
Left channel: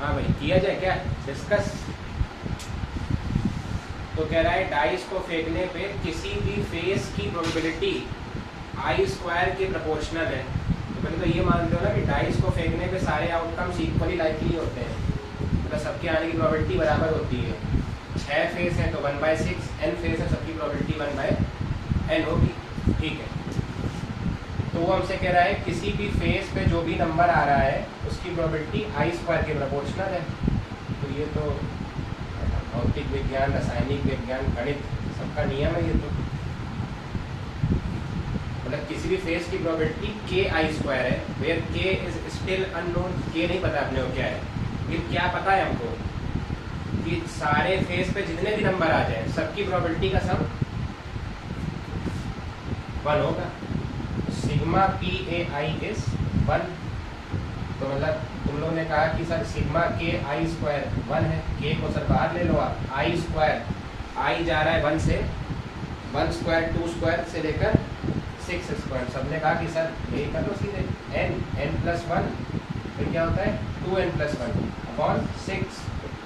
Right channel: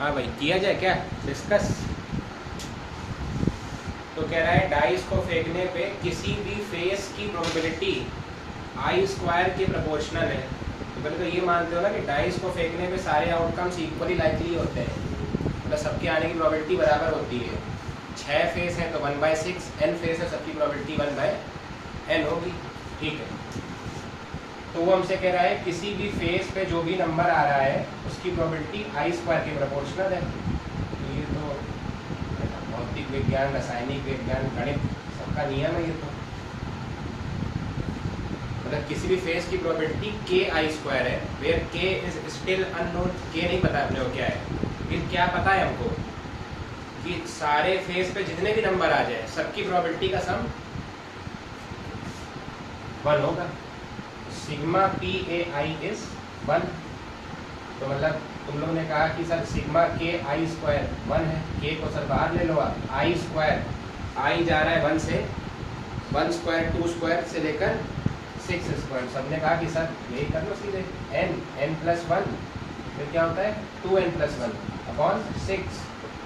हाँ भाई, किया जाए क्या डिस्कस। तो कह रहा है डाइस को फेंकने पे किसी भी फेस की प्रोबेबिलिटी I² के प्रोपोर्शनल है। तो कभी तो ये मानते हो ना कि डाइस को फेंकने पे सारे आउटकम्स इक्वली लाइकली होते हैं, मतलब सबके आने की प्रोबेबिलिटी बराबर होती है। 6 फेस है तो 1/6, n फेस है सबकी प्रोबेबिलिटी 1/6 n होगी, ठीक है। तो वो हमसे कह रहा है किसी भी फेस पे जो भी नंबर आ रहा है उसकी प्रोबेबिलिटी आई स्क्वायर के प्रोपोर्शनल है। तो ये तो भौतिक विज्ञान, रासायनिक विज्ञान, गणित सबका नियम है ये तो। मतलब किसी भी फेस की प्रोबेबिलिटी के आई स्क्वायर है, वेयर के इज स्टिल अननोन। के नहीं पता अपने को क्या है, फिर क्या पता है हमको कि सारे फेस पे जितने भी नंबर आ जाए सबकी प्रोबेबिलिटी का सम 1 होगा। Sigma P A I is 1। तो मतलब तुम लोगों ने कहा कि सर सिग्मा के आई स्क्वायर 1 है, के को सर बाहर ले लो आप, आई स्क्वायर, आई जा रहा है 1 से, 1 स्क्वायर 2 स्क्वायर से लेकर 6 स्क्वायर। सबने कहा कि सर यही कर लो सीधे, n प्लस 1, फिर क्या होता है 2n प्लस 1 अपॉन 6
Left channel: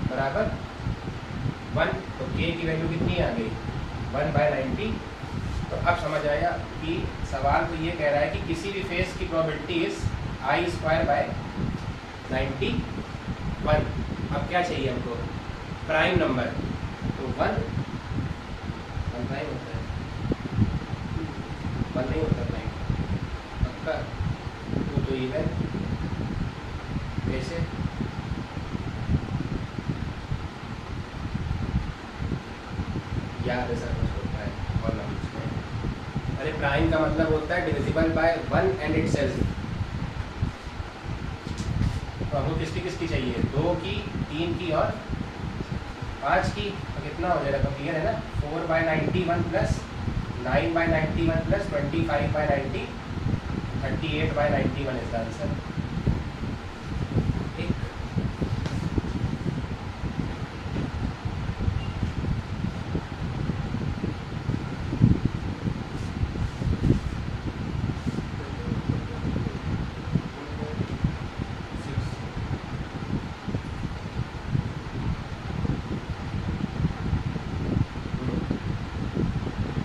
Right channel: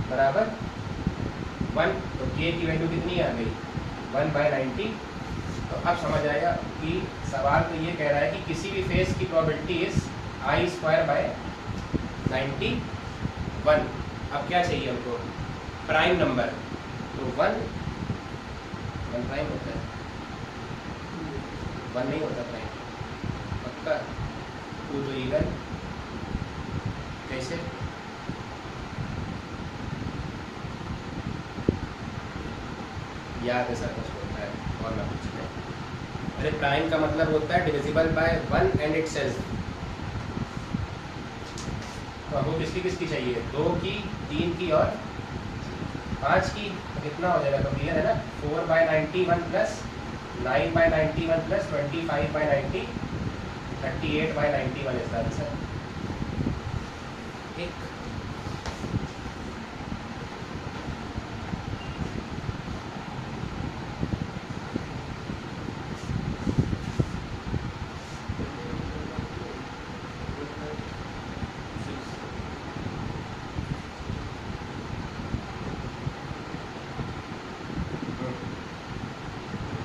बराबर 1। तो k की वैल्यू कितनी आ गई 1/90। तो अब समझ आया कि सवाल तो ये कह रहा है कि किसी भी फेस की probability is I square by 91। अब क्या चाहिए हमको, प्राइम नंबर। तो 1 प्राइम होता है, 1 नहीं होता प्राइम पक्का। तो इधर कैसे, याद ऐसा कुछ होता है और ना कुछ नहीं। अरे प्राइम का मतलब होता है डिविजिबल बाय 1 एंड इटसेल्फ। तो हमको किसकी किसकी चाहिए, 2 की, 3 की और 5 की। तो कितना हो जाएगा, तो क्लियर है ना, 4/91 प्लस 9/91 प्लस 25/90, 38/91 इसका आंसर।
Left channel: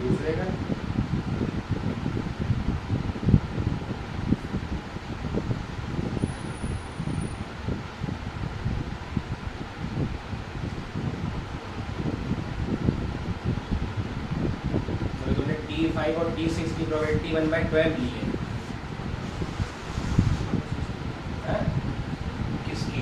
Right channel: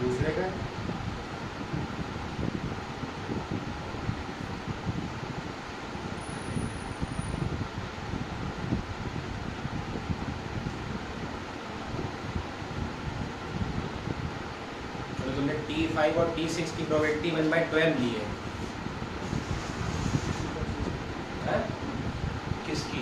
दूसरे का T5 और T6 की प्रोबेबिलिटी 1/12 ली है। किसकी,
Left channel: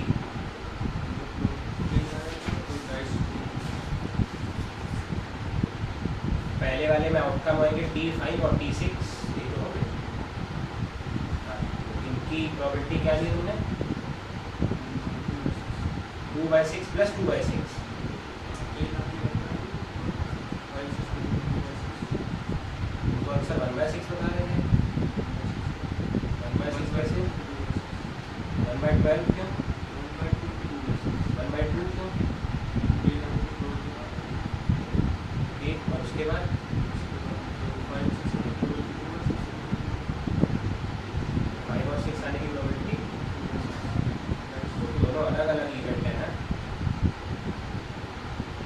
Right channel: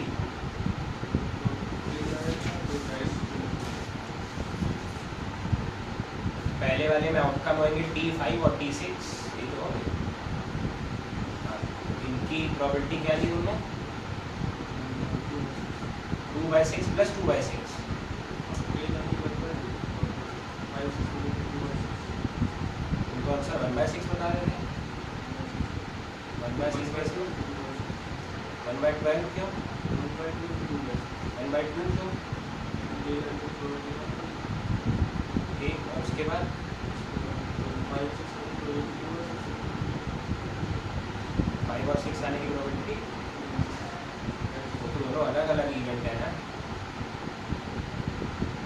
पहले वाले में आउटकम होंगे T5 और T6, ये तो हो गए। इनकी प्रोबेबिलिटी क्या ली तुमने, 2/6 प्लस 2/6। तो अक्सर 1/6 बता रहे थे, 1/6 कैसे, 1/12 क्यों, 1/2 क्यों, ठीक। और उसके बाद 5 और 6 आने की प्रोबेबिलिटी, दोनों अलग अलग इवेंट है ना,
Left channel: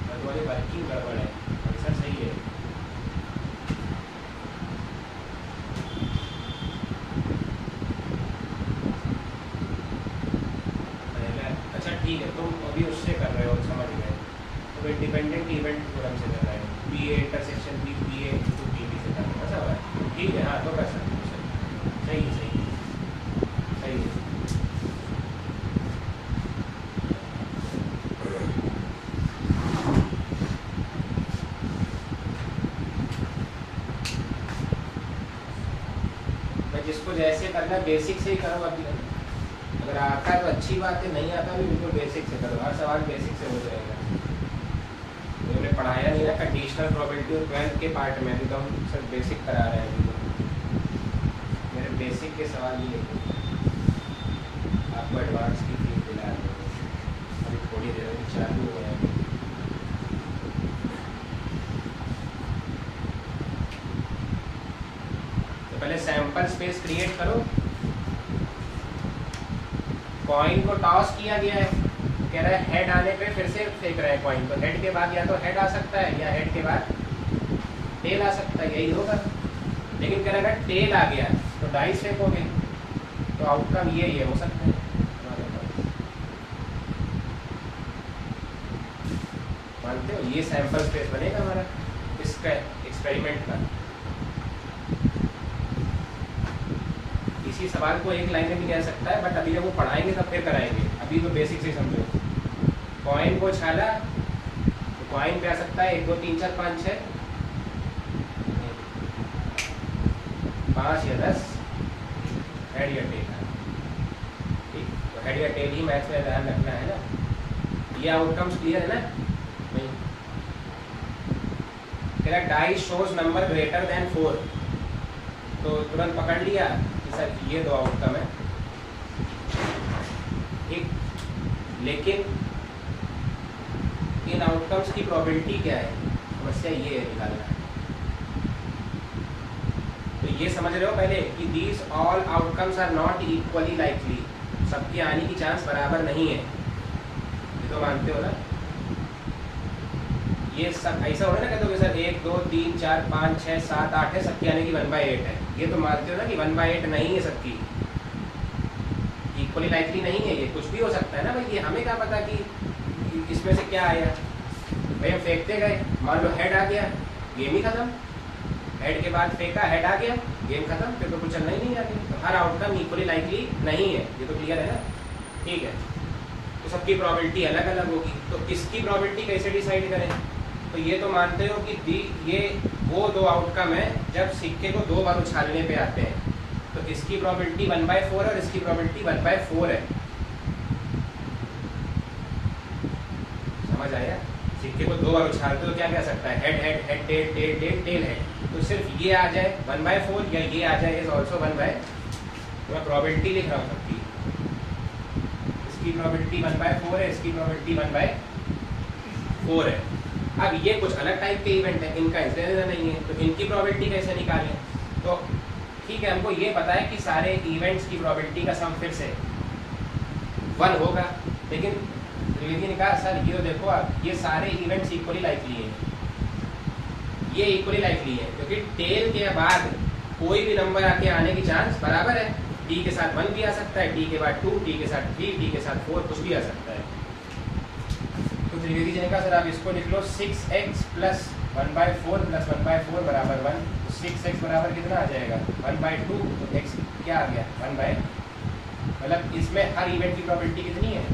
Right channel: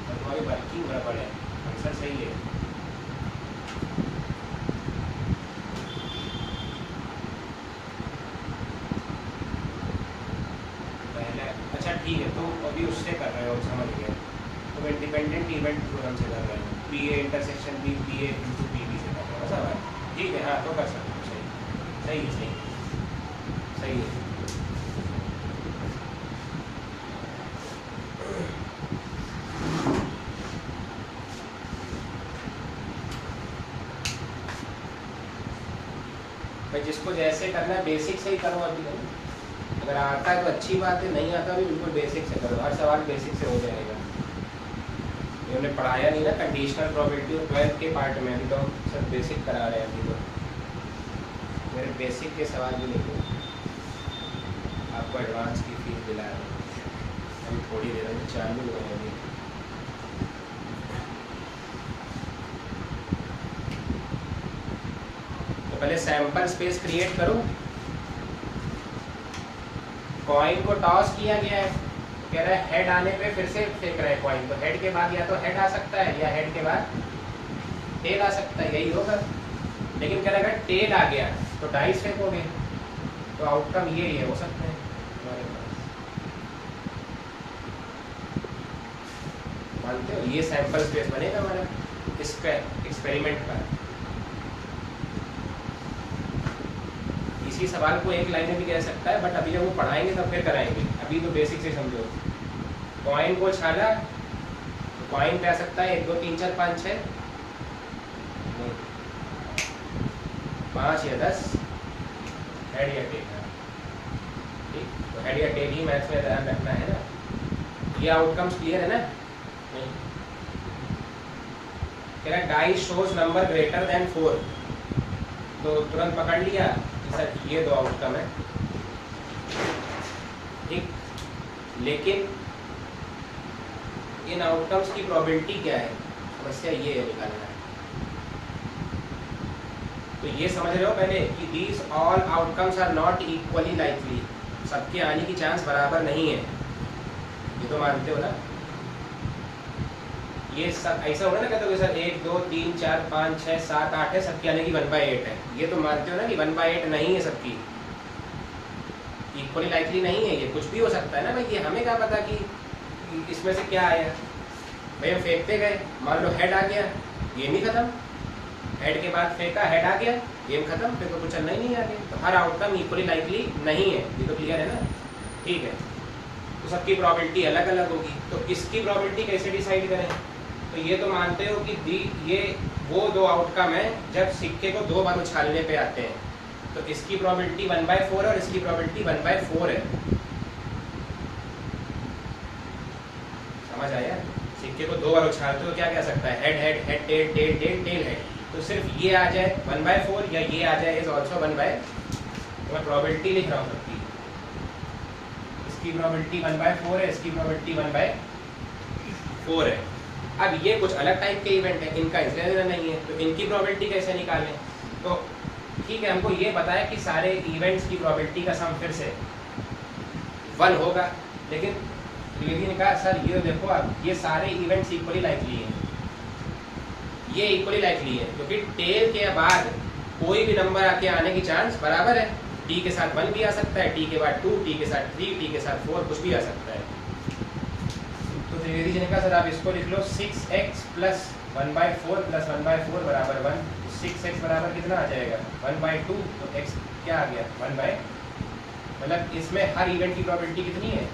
और तुम्हारी वर्किंग गड़बड़ है, आंसर सही है। अच्छा ठीक है, तुम अभी उससे कर रहे हो, समझ गए, तो इंडिपेंडेंट इवेंट थ्योरम से कर रहे हैं, P A intersection B P A into P B से कर रहे हैं, ऐसा है, ठीक है। हाँ तो कर सकते हो, सही है, सही है, सही है। भाई जिसको जैसे करना है बेसिक से ही करो अभी तक। अगर आता है तो अच्छी बात है, नहीं आता भी बिल्कुल बेसिक से करो, हर सवाल बेसिक से हो जाएगा। हमने पढ़ाया नहीं ना कंडीशनल प्रोबेबिलिटी और 12 के पार्ट में, अभी तो हम सब बेसिक करा रहे हैं। अभी तो मेरे बेसिक के सवाल ही नहीं, आपको एडवांस की फीस दिला रहा हूँ अभी थोड़ी देर में चालू हो जाएगी। तो पहले सैंपल स्पेस क्रिएट करो। कॉइन को टॉस किया गया है, कह रहा है हेड आने पे फिर से फेंक रहा है कॉइन, तो हेड के बाद या तो हेड आ सकता है या हेड के बाद टेल आ सकता है, यही होगा। लेकिन कह रहा है टेल आ गया तो डाइस फेंकोगे, तो आउटकम ये ही हो सकता है। मानते हो, ये सैंपल स्पेस बनेगा हमारा इसका एक्सपेरिमेंट का। इसी सवाल को एक लाइन में भी कह सकता है, बट अभी जब वो पढ़ाएंगे तब फिर कराएंगे, अभी तो बेसिक से समझो। कॉइन को छाला तो कॉइन पे आ सकता है 1 2 3 4 5 6 5 या 10 हेड या टेल। ठीक, तो हेड या टेल ही मैथ्स में ध्यान रखना है ना। ये आउटकम्स क्लियर है ना? नहीं, तेरा die shows number greater than 4, तो तुरंत पकड़ लिया कि सर ये दो आउटकम है। ठीक, लेकिन इन आउटकम्स की प्रोबेबिलिटी क्या है, समस्या ये है निकालना है। तो ये समझ रहे हो पहले कि these all outcomes are not equally likely, सबके आने की चांस बराबर नहीं है, ये तो मानते हो ना। ये सब ऐसा होना ना, कहते हो सर 1 2 3 4 5 6 7 8 है, सबकी आने की 1/8 है, ये तो मानते हो ना कि 1/8 नहीं है, सबकी इक्वली लाइकली नहीं है। ये कुछ भी हो सकता है ना भाई, ये हमें क्या पता कि इसमें से क्या आया। भाई हम फेंकते गए, मान लो हेड आ गया, गेम ही खत्म। हेड के बाद फेंका, हेड आ गया, गेम खत्म, फिर तो कुछ चलना ही नहीं आगे। तो हर आउटकम इक्वली लाइकली नहीं है, ये तो क्लियर है ना। ठीक है, तो सबकी प्रोबेबिलिटी अलग अलग होगी, तो इसकी प्रोबेबिलिटी कैसे डिसाइड करें? तो ये तो मानते हो कि ये वो दो आउटकम है जब सिक्के को 2 बार उछालने पे आते हैं, तो इसकी प्रोबेबिलिटी 1/4 और इसकी प्रोबेबिलिटी 1/4 है। समझ आया? सिक्के को 2 बार उछालते तो क्या कह सकता है, head head head tail tail tail tail head, तो सिर्फ ये आ जाए 1/4 या ये आ जाए इज ऑल्सो 1/, तो मैं प्रोबेबिलिटी लिख रहा हूँ सबकी। इसकी प्रोबेबिलिटी 1/4 है, इसकी प्रोबेबिलिटी 1/4 है। अब ये कुछ अलग टाइप के इवेंट है, इनका इसलिए नहीं है, तो इनकी प्रोबेबिलिटी कैसे निकालें? तो ठीक है, हमको ये पता है कि सारे इवेंट्स की प्रोबेबिलिटी का सम फिर से 1 होगा, लेकिन त्रिवेदी ने कहा सर ये देखो आप, ये सारे इवेंट्स इक्वली लाइकली हैं, ये इक्वली लाइकली है, क्योंकि टेल के बाद कोई भी नंबर आके आने की चांस बराबर है। टी के साथ 1 भी आ सकता है, टी के बाद 2, टी के साथ 3, टी के साथ 4, कुछ भी आ सकता है। तो त्रिवेदी जी ने कहा सर आप इसको लिख लो 6x प्लस 1/4 प्लस 1/4 बराबर 1। तो 6x बराबर कितना आ जाएगा 1/2, तो x क्या आ गया 1/, मतलब इसमें हर इवेंट की प्रोबेबिलिटी कितनी है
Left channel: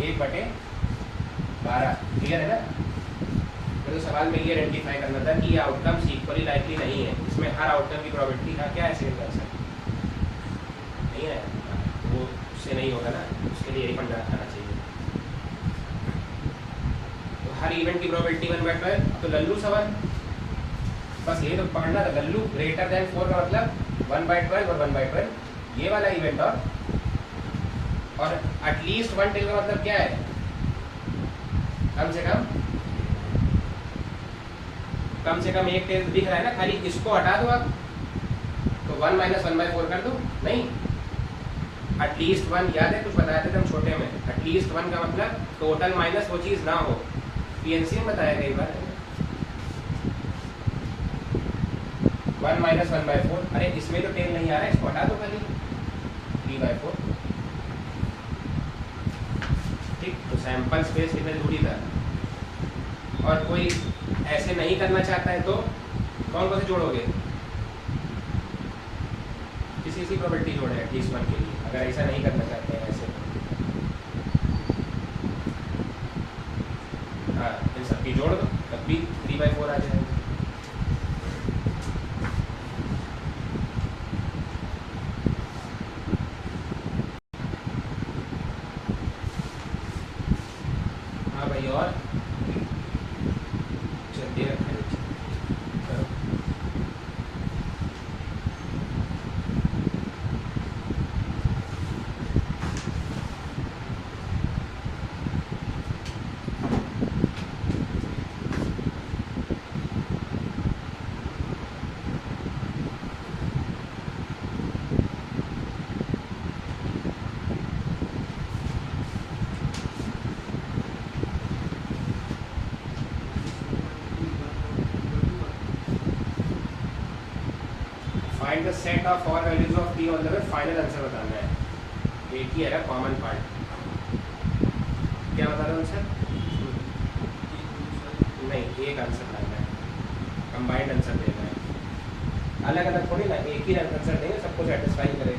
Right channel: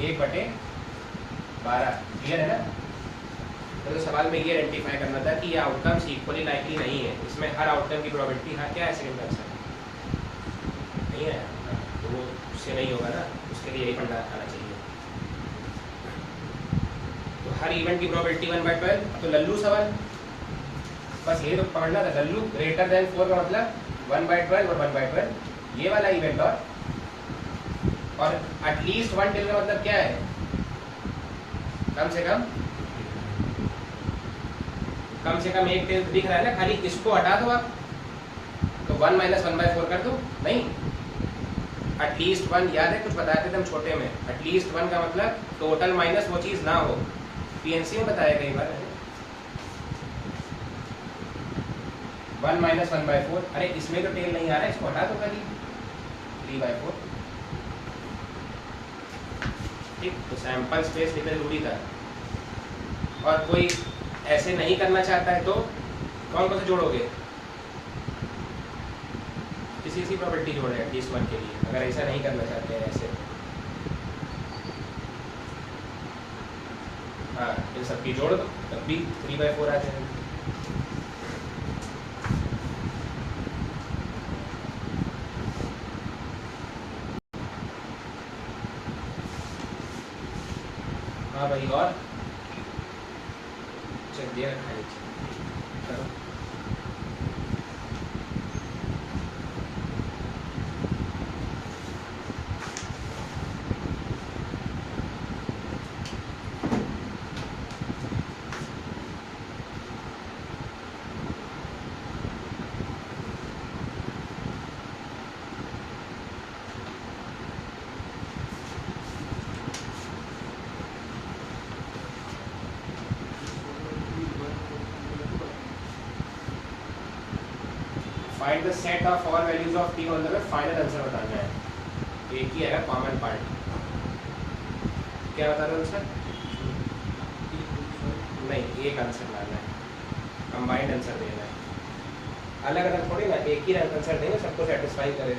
1/12। क्लियर है ना? तो सवाल में ये आइडेंटिफाई करना था कि ये आउटकम्स इक्वली लाइकली नहीं है, इसमें हर आउटकम की प्रोबेबिलिटी हाँ क्या है सेकंड आंसर नहीं है, तो वो उससे नहीं होगा ना, उसके लिए यही पढ़ना आना चाहिए। तो हर इवेंट की प्रोबेबिलिटी 1/12, तो लल्लू सवाल बस ये तो पढ़ना था, लल्लू ग्रेटर देन 4 का मतलब 1/12 और 1/12, ये वाला इवेंट और एटलीस्ट 1 टेल का मतलब क्या है, कम से कम एक टेल दिख रहा है ना, खाली इसको हटा दो आप, तो 1 - 1/4 कर दो, नहीं एटलीस्ट 1, याद है कुछ बताया था हम छोटे में, एटलीस्ट 1 का मतलब टोटल माइनस वो चीज ना हो, पीएनसी में बताया कई बार 1 - 1/4, अरे इसमें तो टेल नहीं आ रहा है, इसको हटा दो खाली 3/4। ठीक, तो सैंपल स्पेस लिखना जरूरी था। और कोई ऐसे नहीं करना चाहता है तो कौन कौन से जोड़ोगे, किसी की प्रोबेबिलिटी जोड़े एटलीस्ट 1 के लिए, अगर ऐसा नहीं करना चाहते हैं ऐसे। हाँ, इन सबकी जोड़ दो, तब भी 3/4 आ जाएंगे। हाँ भाई, और चल दे रखा है, करो। Find the set of all values of t on the final answer बताना है। एक ही है कॉमन पार्ट, क्या बता रहे हो सर? नहीं, एक आंसर लाना है, कंबाइंड आंसर देना है, अलग अलग थोड़ी ना, एक ही आंसर देंगे सबको सेटिस्फाई करे।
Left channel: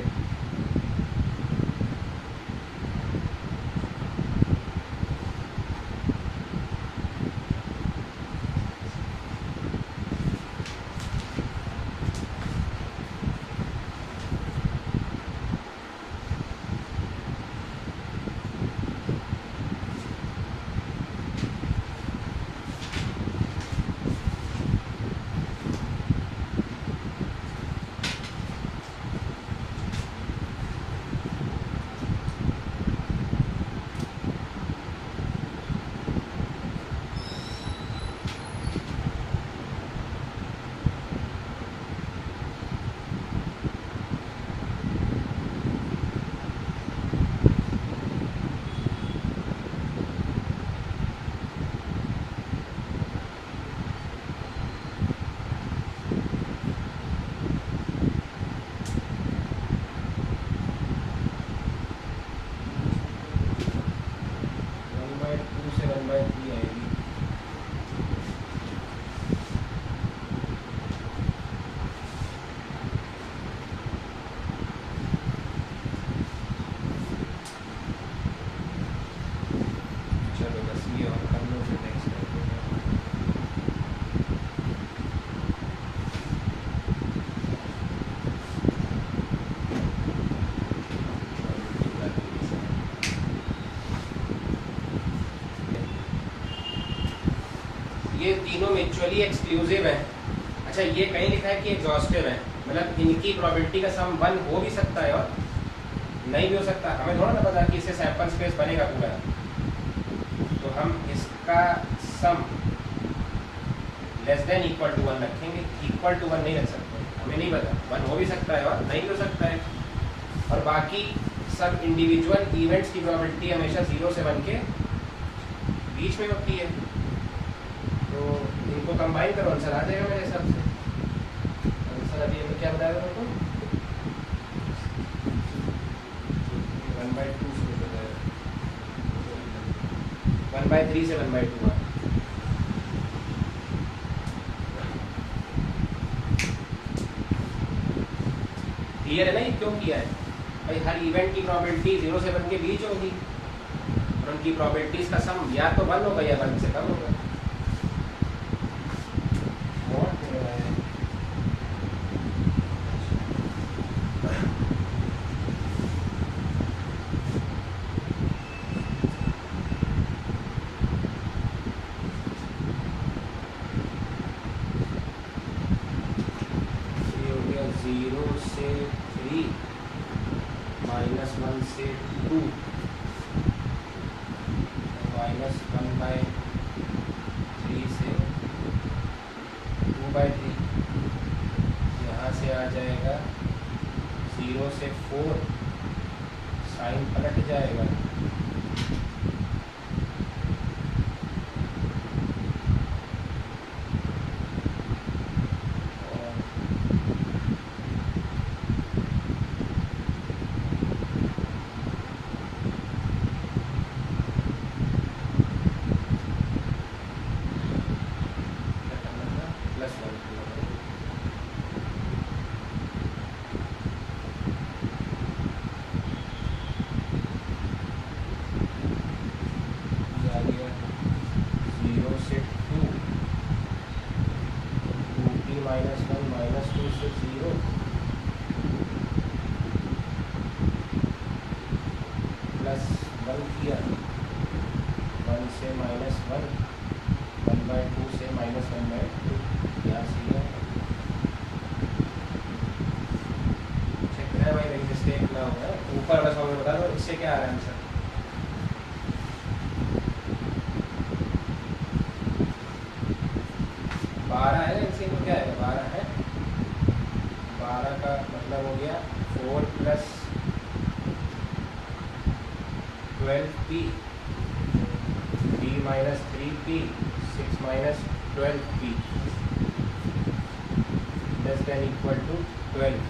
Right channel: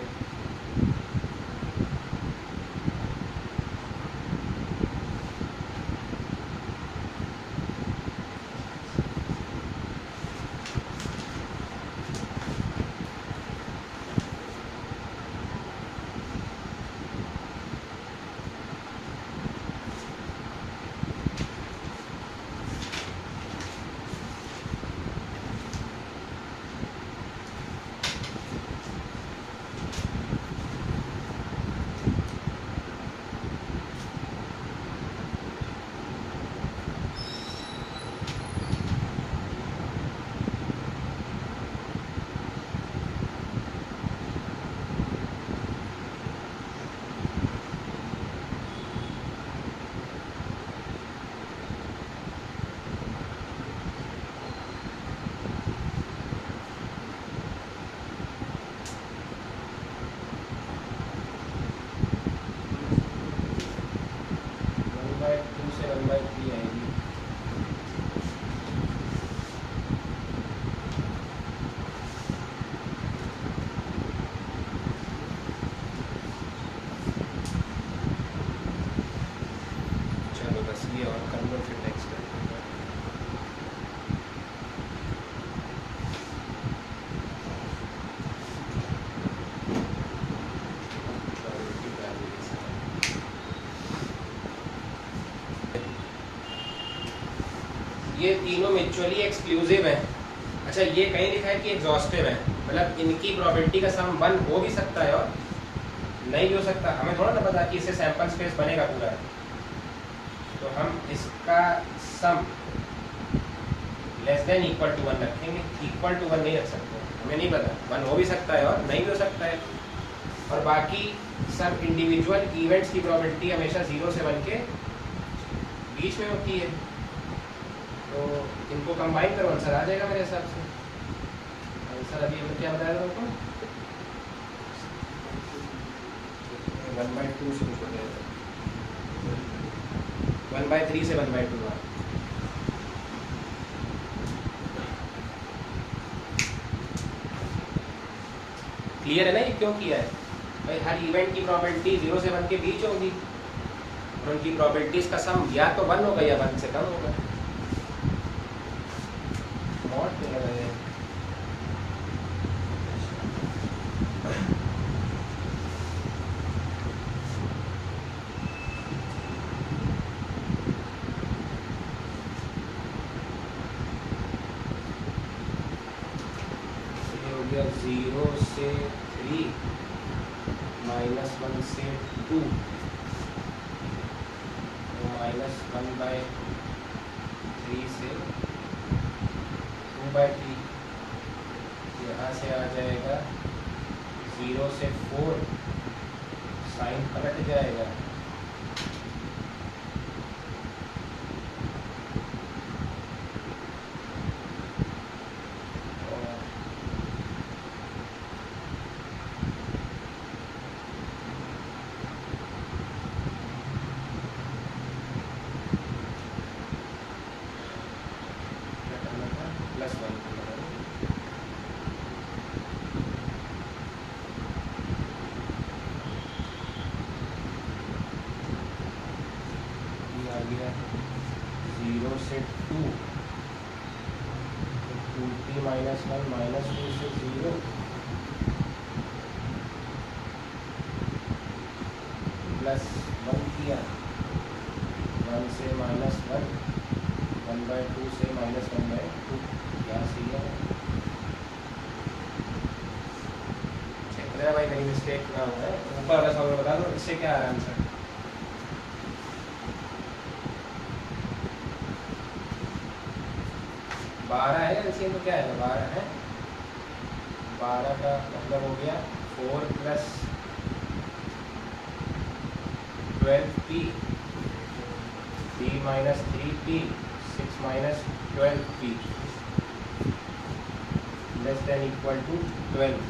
ये तीनों म्यूचुअली एक्सक्लूसिव है। अच्छा ये कहीं लिखा है कि एग्जॉस्टिव है, मतलब इनकी प्रोबेबिलिटी का सम 1 हो भी सकता है और नहीं भी हो सकता। हमें थोड़ा ना पता कि इससे सैंपल स्पेस बनेगा पूरा, तो हम इसका sum less than equal to 1 रखेंगे, इक्वल टू 1 नहीं रख सकते, हमें नहीं पता, 1 हो भी सकता है और नहीं भी हो सकता है। और बाकी सब इंडिविजुअल इवेंट्स की प्रोबेबिलिटी हमेशा 0 से 1 के बीच में होती है, तो इनको कंबाइन करो, आंसर आ जाएगा मेरे हिसाब से। आंसर अभी हमें क्या बताया था आपको? 1/2 से 1/3 से 1/2। क्लियर है ना ये क्यों किया है? भाई हर इवेंट की प्रोबेबिलिटी 0 से 1 के बीच होगी और उनकी प्रोबेबिलिटीज का सम या तो 1 होगा या 1 से कम होगा। जीरो से 3 -1 से 2 -1/3 से 2/3, यहाँ से आ जाएगा 0 से 4, साइन पलट जाएगा, +1 किया, 1 से -1, 1/2 से -1/2, यहाँ से गया। चेक करें भाई कहीं मिस्टेक ना हो है। ऊपर वाला सवाल बता दो, इससे क्या आ रहा है आंसर? बारह है, इसी में क्या है? 12 है। 12 का मतलब हो गया 4 + 12p, p - 3p, 6 - 12p less than equal to 12।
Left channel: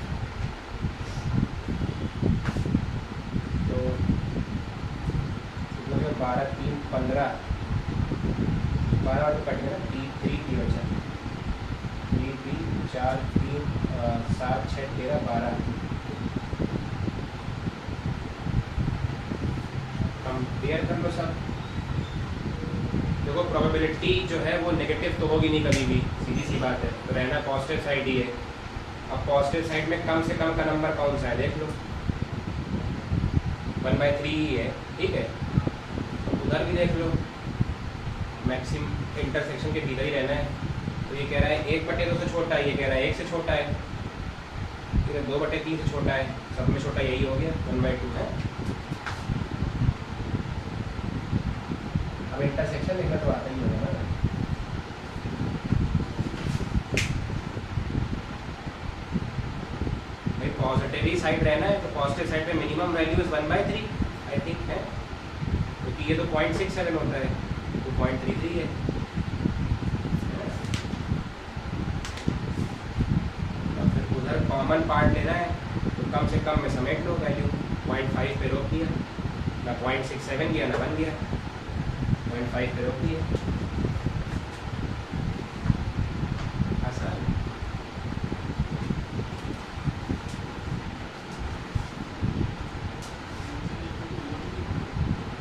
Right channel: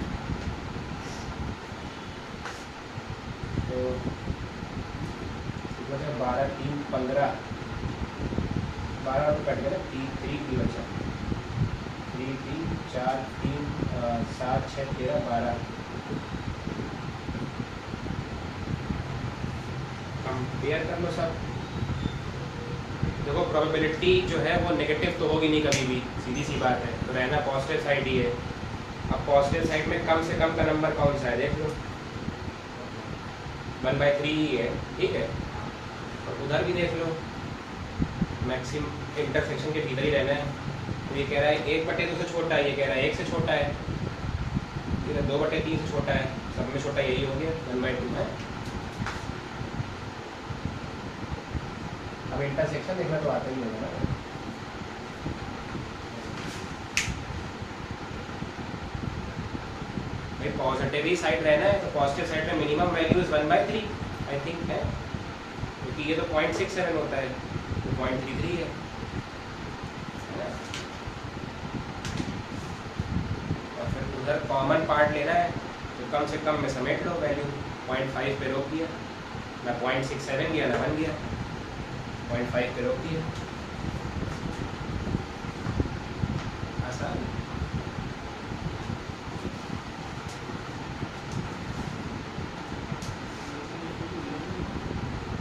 तो 12 3 15, 12 तो कट गया ना, 3 की बचा, 3 3 4 3 7 6 13 12। कंपेयर कर लो सब। देखो प्रोबेबिलिटी जो है वो नेगेटिव तो होगी नहीं कभी भी, सीधी सी बात है, तो रहना पॉजिटिव साइड ही है। अब पॉजिटिव साइड में कम से कम का नंबर कौन सा है देख लो, 1/3 ही है, ठीक है। उधर भी देख लो, मैक्सिमम इंटरसेक्शन के भीतर ही रहना है। तो ये कह रहा है 1/2 से छोटा है, ये कह रहा है 1 से छोटा है, फिर 2/3 से छोटा है, सब में छोटा यही हो गया 1/2 है। अब इंटरसेक्शन देखना तो आता ही होगा ना। भाई पॉजिटिव ही साइड रहना है, तो पॉजिटिव साइड में मिनिमम वैल्यूज 1/3 आई थिंक है, क्योंकि ये तो 0.67 होता है, तो 0.33 है। फिर उधर कॉमन पार्ट लेना है, तो कम से कम में समेट लो वैल्यू, 0.5 पे रोक दिया, ना 0.67 गया ना 1 गया, 0.5 पे रोक दिया, आसान।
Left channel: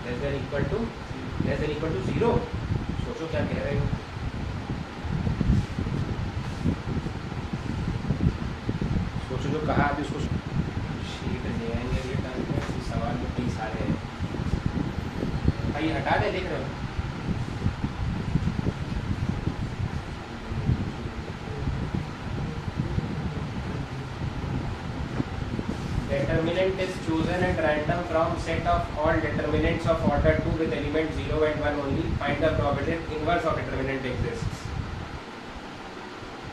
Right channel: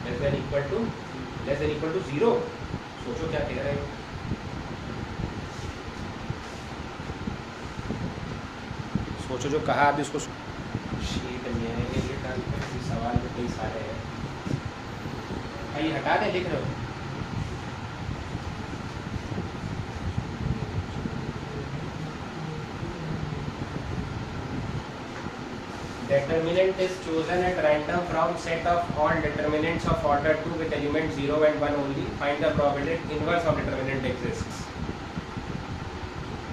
लेस देन इक्वल टू 0, सोचो क्या कह रहे हो। सोचो जो कहा अभी उसको शीट में ये डाल दो, सवाल में कई सारे हैं भाई, हटा दे, लिख रहे हो determinant is chosen at random from set of all determinants of order 2 with element 0 and 1 only. Find the probability inverse of determinant exists.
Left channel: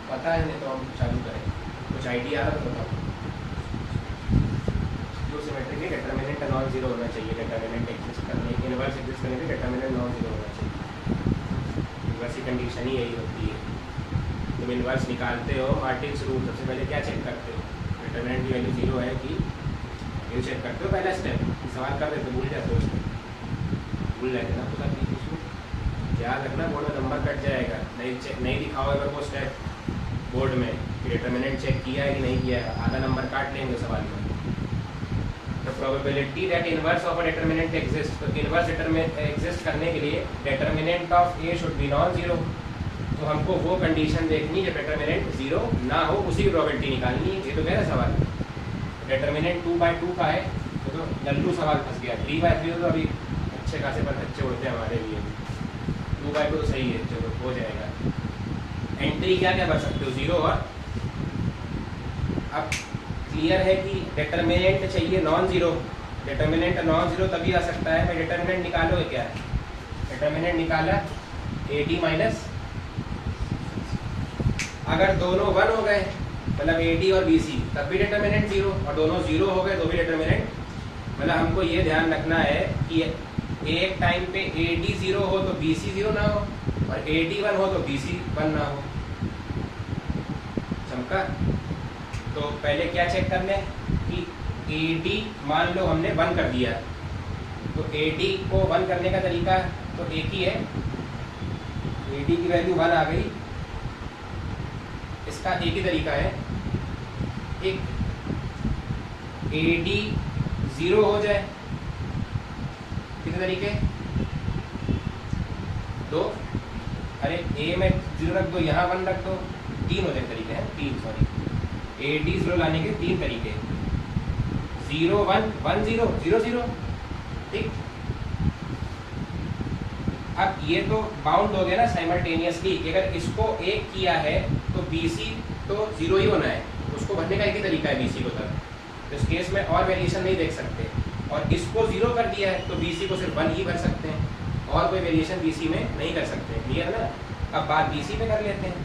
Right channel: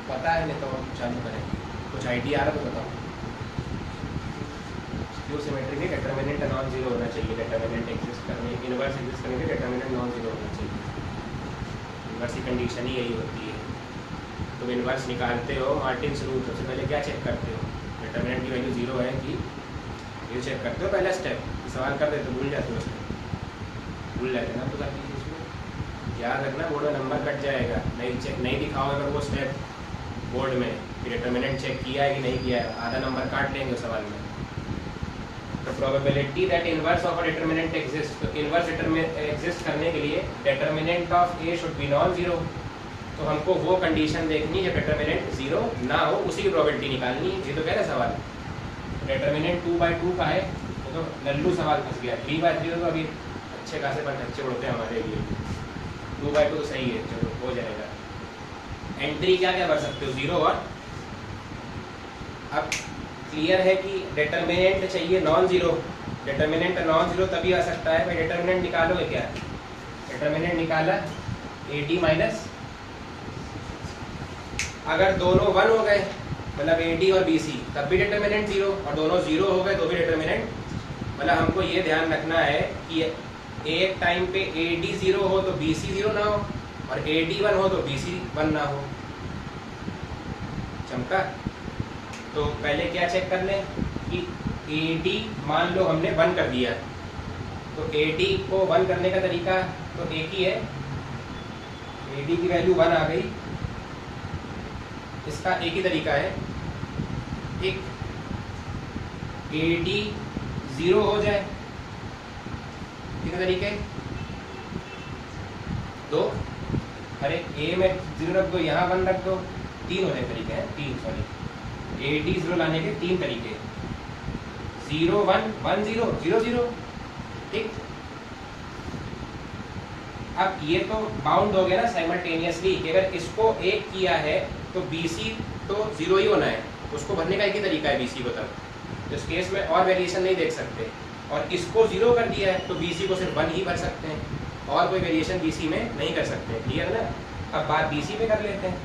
पता है नहीं तो हम चालू करें, कुछ आइडिया आ रहा तो बताओ। जो सिमेट्रिक है डिटरमिनेंट नॉन जीरो होना चाहिए, डिटरमिनेंट एग्जिस्ट करने इनवर्स एग्जिस्ट करने के डिटरमिनेंट नॉन जीरो होना चाहिए। इनवर्स की कंडीशन ही यही होती है। तुम इनवर्स निकालते हो मार्टिन्स रूल, सबसे पहले क्या चेक करते हो, डिटरमिनेंट की वैल्यू जीरो है कि ये चेक करते हो। पहला स्टेप सवाल कर देते भूल जाते हो, भूल जाते ना तो उसमें याद रखना, बोर्ड में नंबर कट जाएगा। नहीं दिखाओ अगर वो स्टेप बोर्ड में डिटरमिनेंट चेक किया है कि नहीं किया है, आधा नंबर काट लेंगे सवाल में। तो probability that inverse of a determinant exist, तो इनवर्स एग्जिस्ट करने के लिए determinant of A should be non zero. तो हमको वो कंडीशन देखनी है डिटरमिनेंट जीरो ना हो, उसी की प्रोबेबिलिटी निकालनी है। ये तो कह रहे सवाल डिटरमिनेंट 2/2 का है, तो लल्लू सवाल फंस गया। 3/3 तो अभी अच्छे खासे पर अच्छे उड़ते हैं हमारे लिए। 2/2 सही है, चलो हो जाएगा। एंट्री क्या क्या भर सकते हो, जीरो और अब क्लियर है कि डिटरमिनेंट चाहिए non zero. Determinant non zero तभी आ सकता है भाई, डिटरमिनेंट निकालो है क्या, डिटरमिनेंट निकाला AD माइनस, अगर दोनों 1 हो गए मतलब AD और BC तब भी डिटरमिनेंट जीरो, और दोनों जीरो हो गए तो भी डिटरमिनेंट। मतलब हमको ये ध्यान रखना है कि एक टाइम पे AD जीरो हो तो BC जीरो ना हो, और AD 1 हो तो BC 1 ना हो। चमका। तो पहले क्या चेक कर लें कि AD मान लो हमने 1 कर दिया, तो AD को 1 करने का तरीका तो एक ही है। AD की वैल्यू 1 आ गई, इसका एक ही तरीका है, एक AD 0 हो जाए, कितने तरीके, 2, अरे A में 0 रख दो, यहाँ 1 रख दो, 3 हो जाए तरीके हैं, 3 सॉरी। AD 0 लाने के 3 तरीके, 0 1 1 0 0 0, ठीक। अब ये तो बाउंड हो गया ना साइमल्टेनियसली, कि अगर इसको 1 किया है तो BC तो 0 ही होना है, उसको भरने का एक ही तरीका है BC को तब। तो इस केस में और वेरिएशन नहीं देख सकते, और इसको 0 कर दिया है तो BC को सिर्फ 1 ही भर सकते हैं, और कोई वेरिएशन BC में नहीं कर सकते। क्लियर ना। अब बात BC पे कर लेते हैं,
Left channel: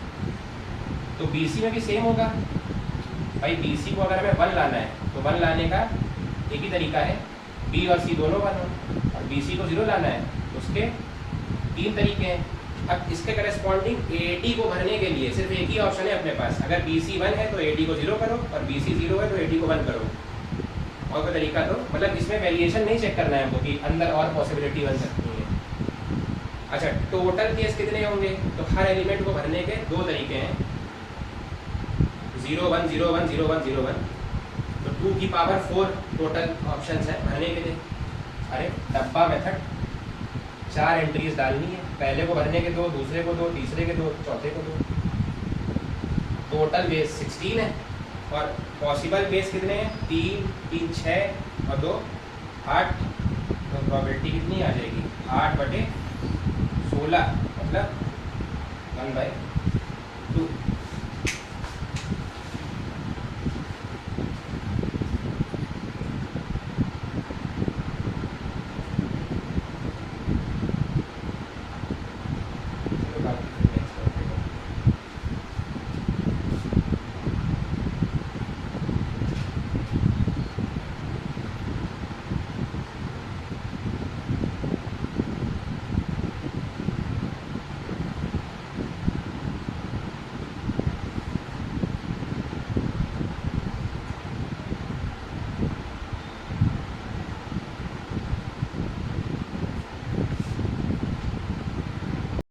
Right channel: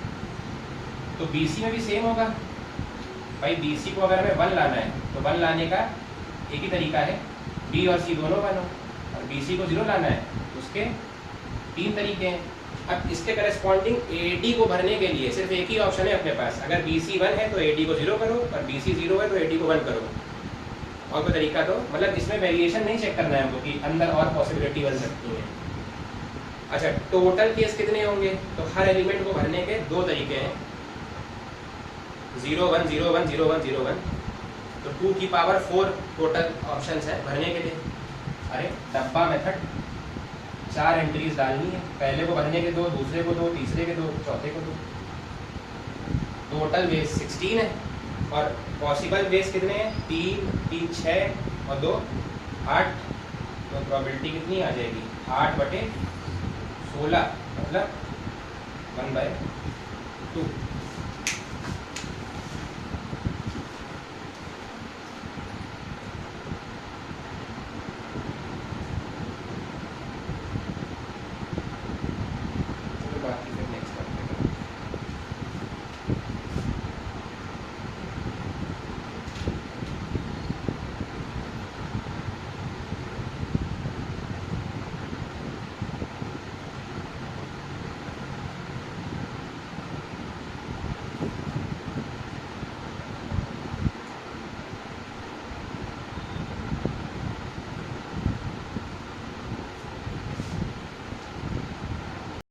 तो BC में भी सेम होगा भाई। BC को अगर हमें 1 लाना है तो 1 लाने का एक ही तरीका है, B और C दोनों 1 हो, और BC को 0 लाना है उसके 3 तरीके हैं। अब इसके करस्पॉन्डिंग AD को भरने के लिए सिर्फ एक ही ऑप्शन है अपने पास, अगर BC 1 है तो AD को 0 करो, और BC 0 है तो AD को 1 करो, और कोई तरीका तो मतलब इसमें वेरिएशन नहीं चेक करना है हमको कि अंदर और पॉसिबिलिटी बन सकती है। अच्छा, टोटल केस कितने होंगे, तो हर एलिमेंट को भरने के 2 तरीके हैं, 0 1 0 1 0 1 0 1, तो 2 की पावर 4 टोटल ऑप्शंस है भरने के लिए। अरे डब्बा मेथड 4 एंट्रीज डालनी है, पहले को भरने के 2, दूसरे को 2, तीसरे के 2, चौथे को 2। टोटल बेस 16 है, और पॉसिबल बेस कितने हैं, 3 3 6 और 2 8, तो प्रोबेबिलिटी कितनी आ जाएगी, 8/16 मतलब 1/4।